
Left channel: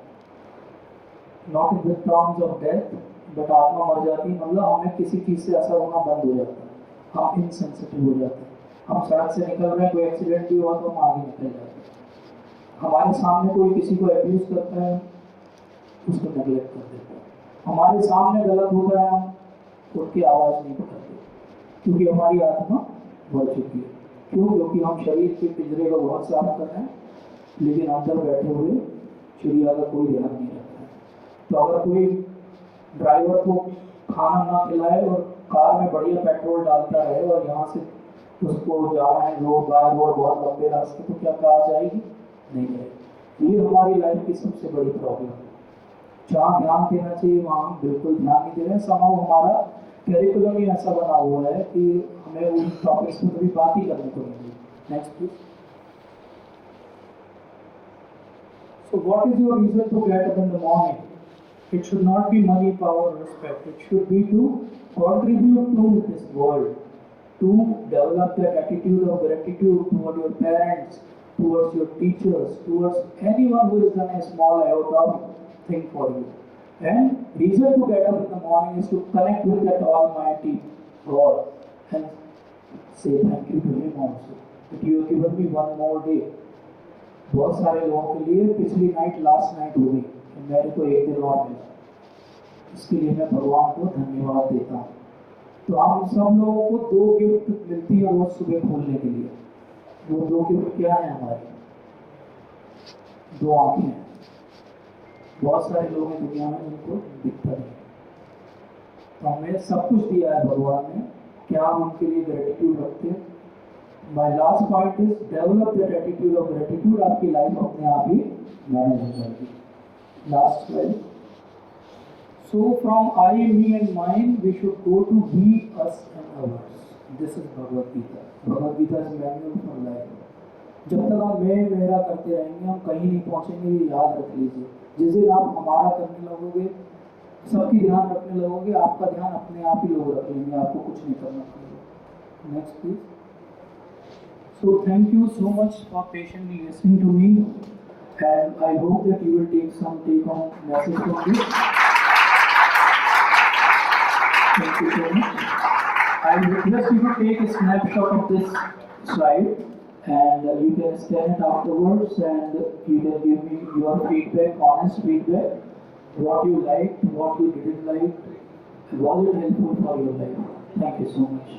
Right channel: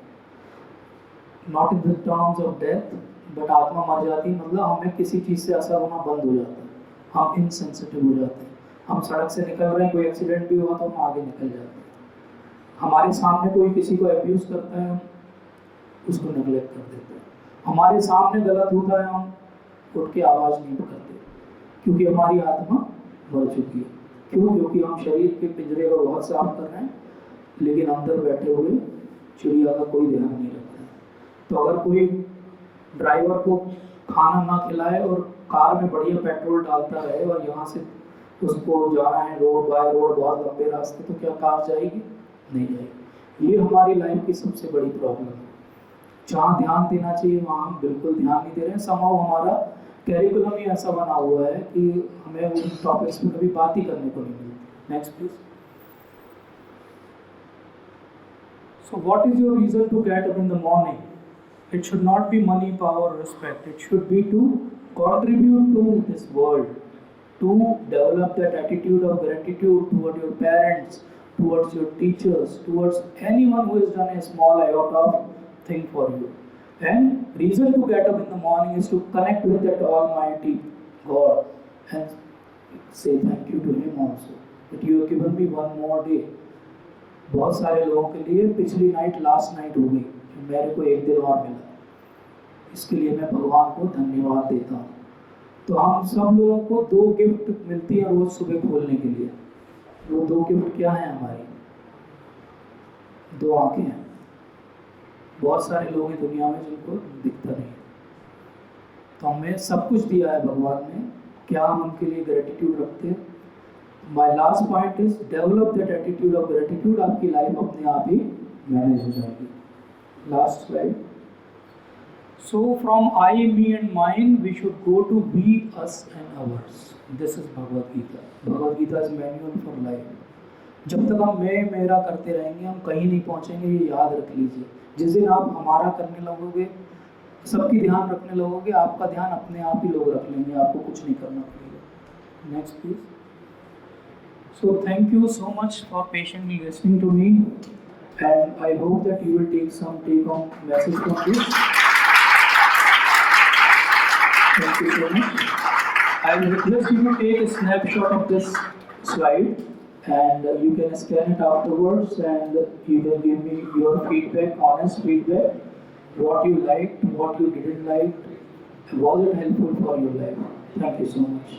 not in the terms of death, but आत्मा मर जाती है मतलब हमें किसी चीज़ से असर होना बंद हो जाता है, हम इनसेंसिटिव हो जाते हैं। हम सड़क से निकल रहे हैं, कोई एक्सीडेंट भी हुआ तो हम आगे निकल जाते हैं। हमारे सामने कोई किसी को अब्यूज़ करता है, उसको नेगलेक्ट कर देते हैं। हमारे सामने गलत होता है, हम उठ के आवाज़ नहीं करते, क्योंकि हमारी आत्मा मर चुकी है। क्यों? क्योंकि हम शरीर के पिंजरे को बहुत साफ कर रहे हैं, लेकिन अंदर बैठे हुए चिड़िया का कोई ध्यान नहीं रखता है। तो अगर कोई ड्राइवर को खाना ना खिलाए और कार में बढ़िया पेट्रोल डालता रहे और यहाँ से उसको जाना है रोड बाय रोड बहुत लंबे रास्ते, तो क्या कार जाएगी? नहीं जाएगी। ये हमारी लाइफ की सबसे बड़ी प्रॉब्लम है। जहाँ ध्यान देना चाहिए वहाँ हम बिल्कुल ध्यान नहीं दे रहे हैं। समाव हमारा कैरिकुलम ही ऐसा बना हुआ है कि हमें उन टॉपिक्स में कभी बात ही करने को नहीं मिली। Next please. So what is your reason to get up in the morning? It should not be money, power, respect. It should be to contribute to this world, to develop that attitude of gratitude toward your parents, towards your teachers, towards anyone who has done a small iota of thing for you. And reason to get up in the morning is to connect with that Almighty God and say thank you to Him also that you have given me one more day. बहुत सारे लोगों के लिए पिछली नाइट लास्ट नाइट हो गई, मेरे को एक दिन और मिला, इसके लिए मैं भगवान को धन्यवाद देता हूँ। तो हम सब लोगों को 2 गिफ्ट मिलती है रोज सुबह खोलने के लिए। वो 2 गिफ्ट क्या है हमारी? 2 आंखें हैं। बहुत सारे लोग हैं दुनिया में जिनको दिखता नहीं है, तो हमें सब कुछ दिया है भगवान ने, क्या हम उनके लिए ग्रेटिट्यूड रखते हैं? My last point is develop that attitude of gratitude, आपकी लाइफ अपने आप ही मैनेज हो जाएगी। Last slide. So from I, me and mine, we should go to we, us and ours. This is Bhagavad Gita. Bhagavad Gita is manual for life. जब तक हम मैं मेरा करते रहेंगे हम कहीं नहीं पहुंचेंगे, ये याद रख लीजिए। जिस दिन आप हमारा करने लगोगे, सबकी ध्यान रखने लगोगे, आपका ध्यान अपने आप ही लोग रख लेंगे, आपको कुछ नहीं करना पड़ेगा। Next please. So thank you so much for patiently listening to me, and I hope that you will take home message from this. Thank you so much. I will request you to take a snapshot of this slide, and you can scan it afterwards, and you can give me your feedback, honest feedback, what you liked, what you didn't like, was it helpful for your life? Thank you so much.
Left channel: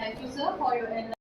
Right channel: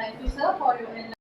Thank you, sir, for your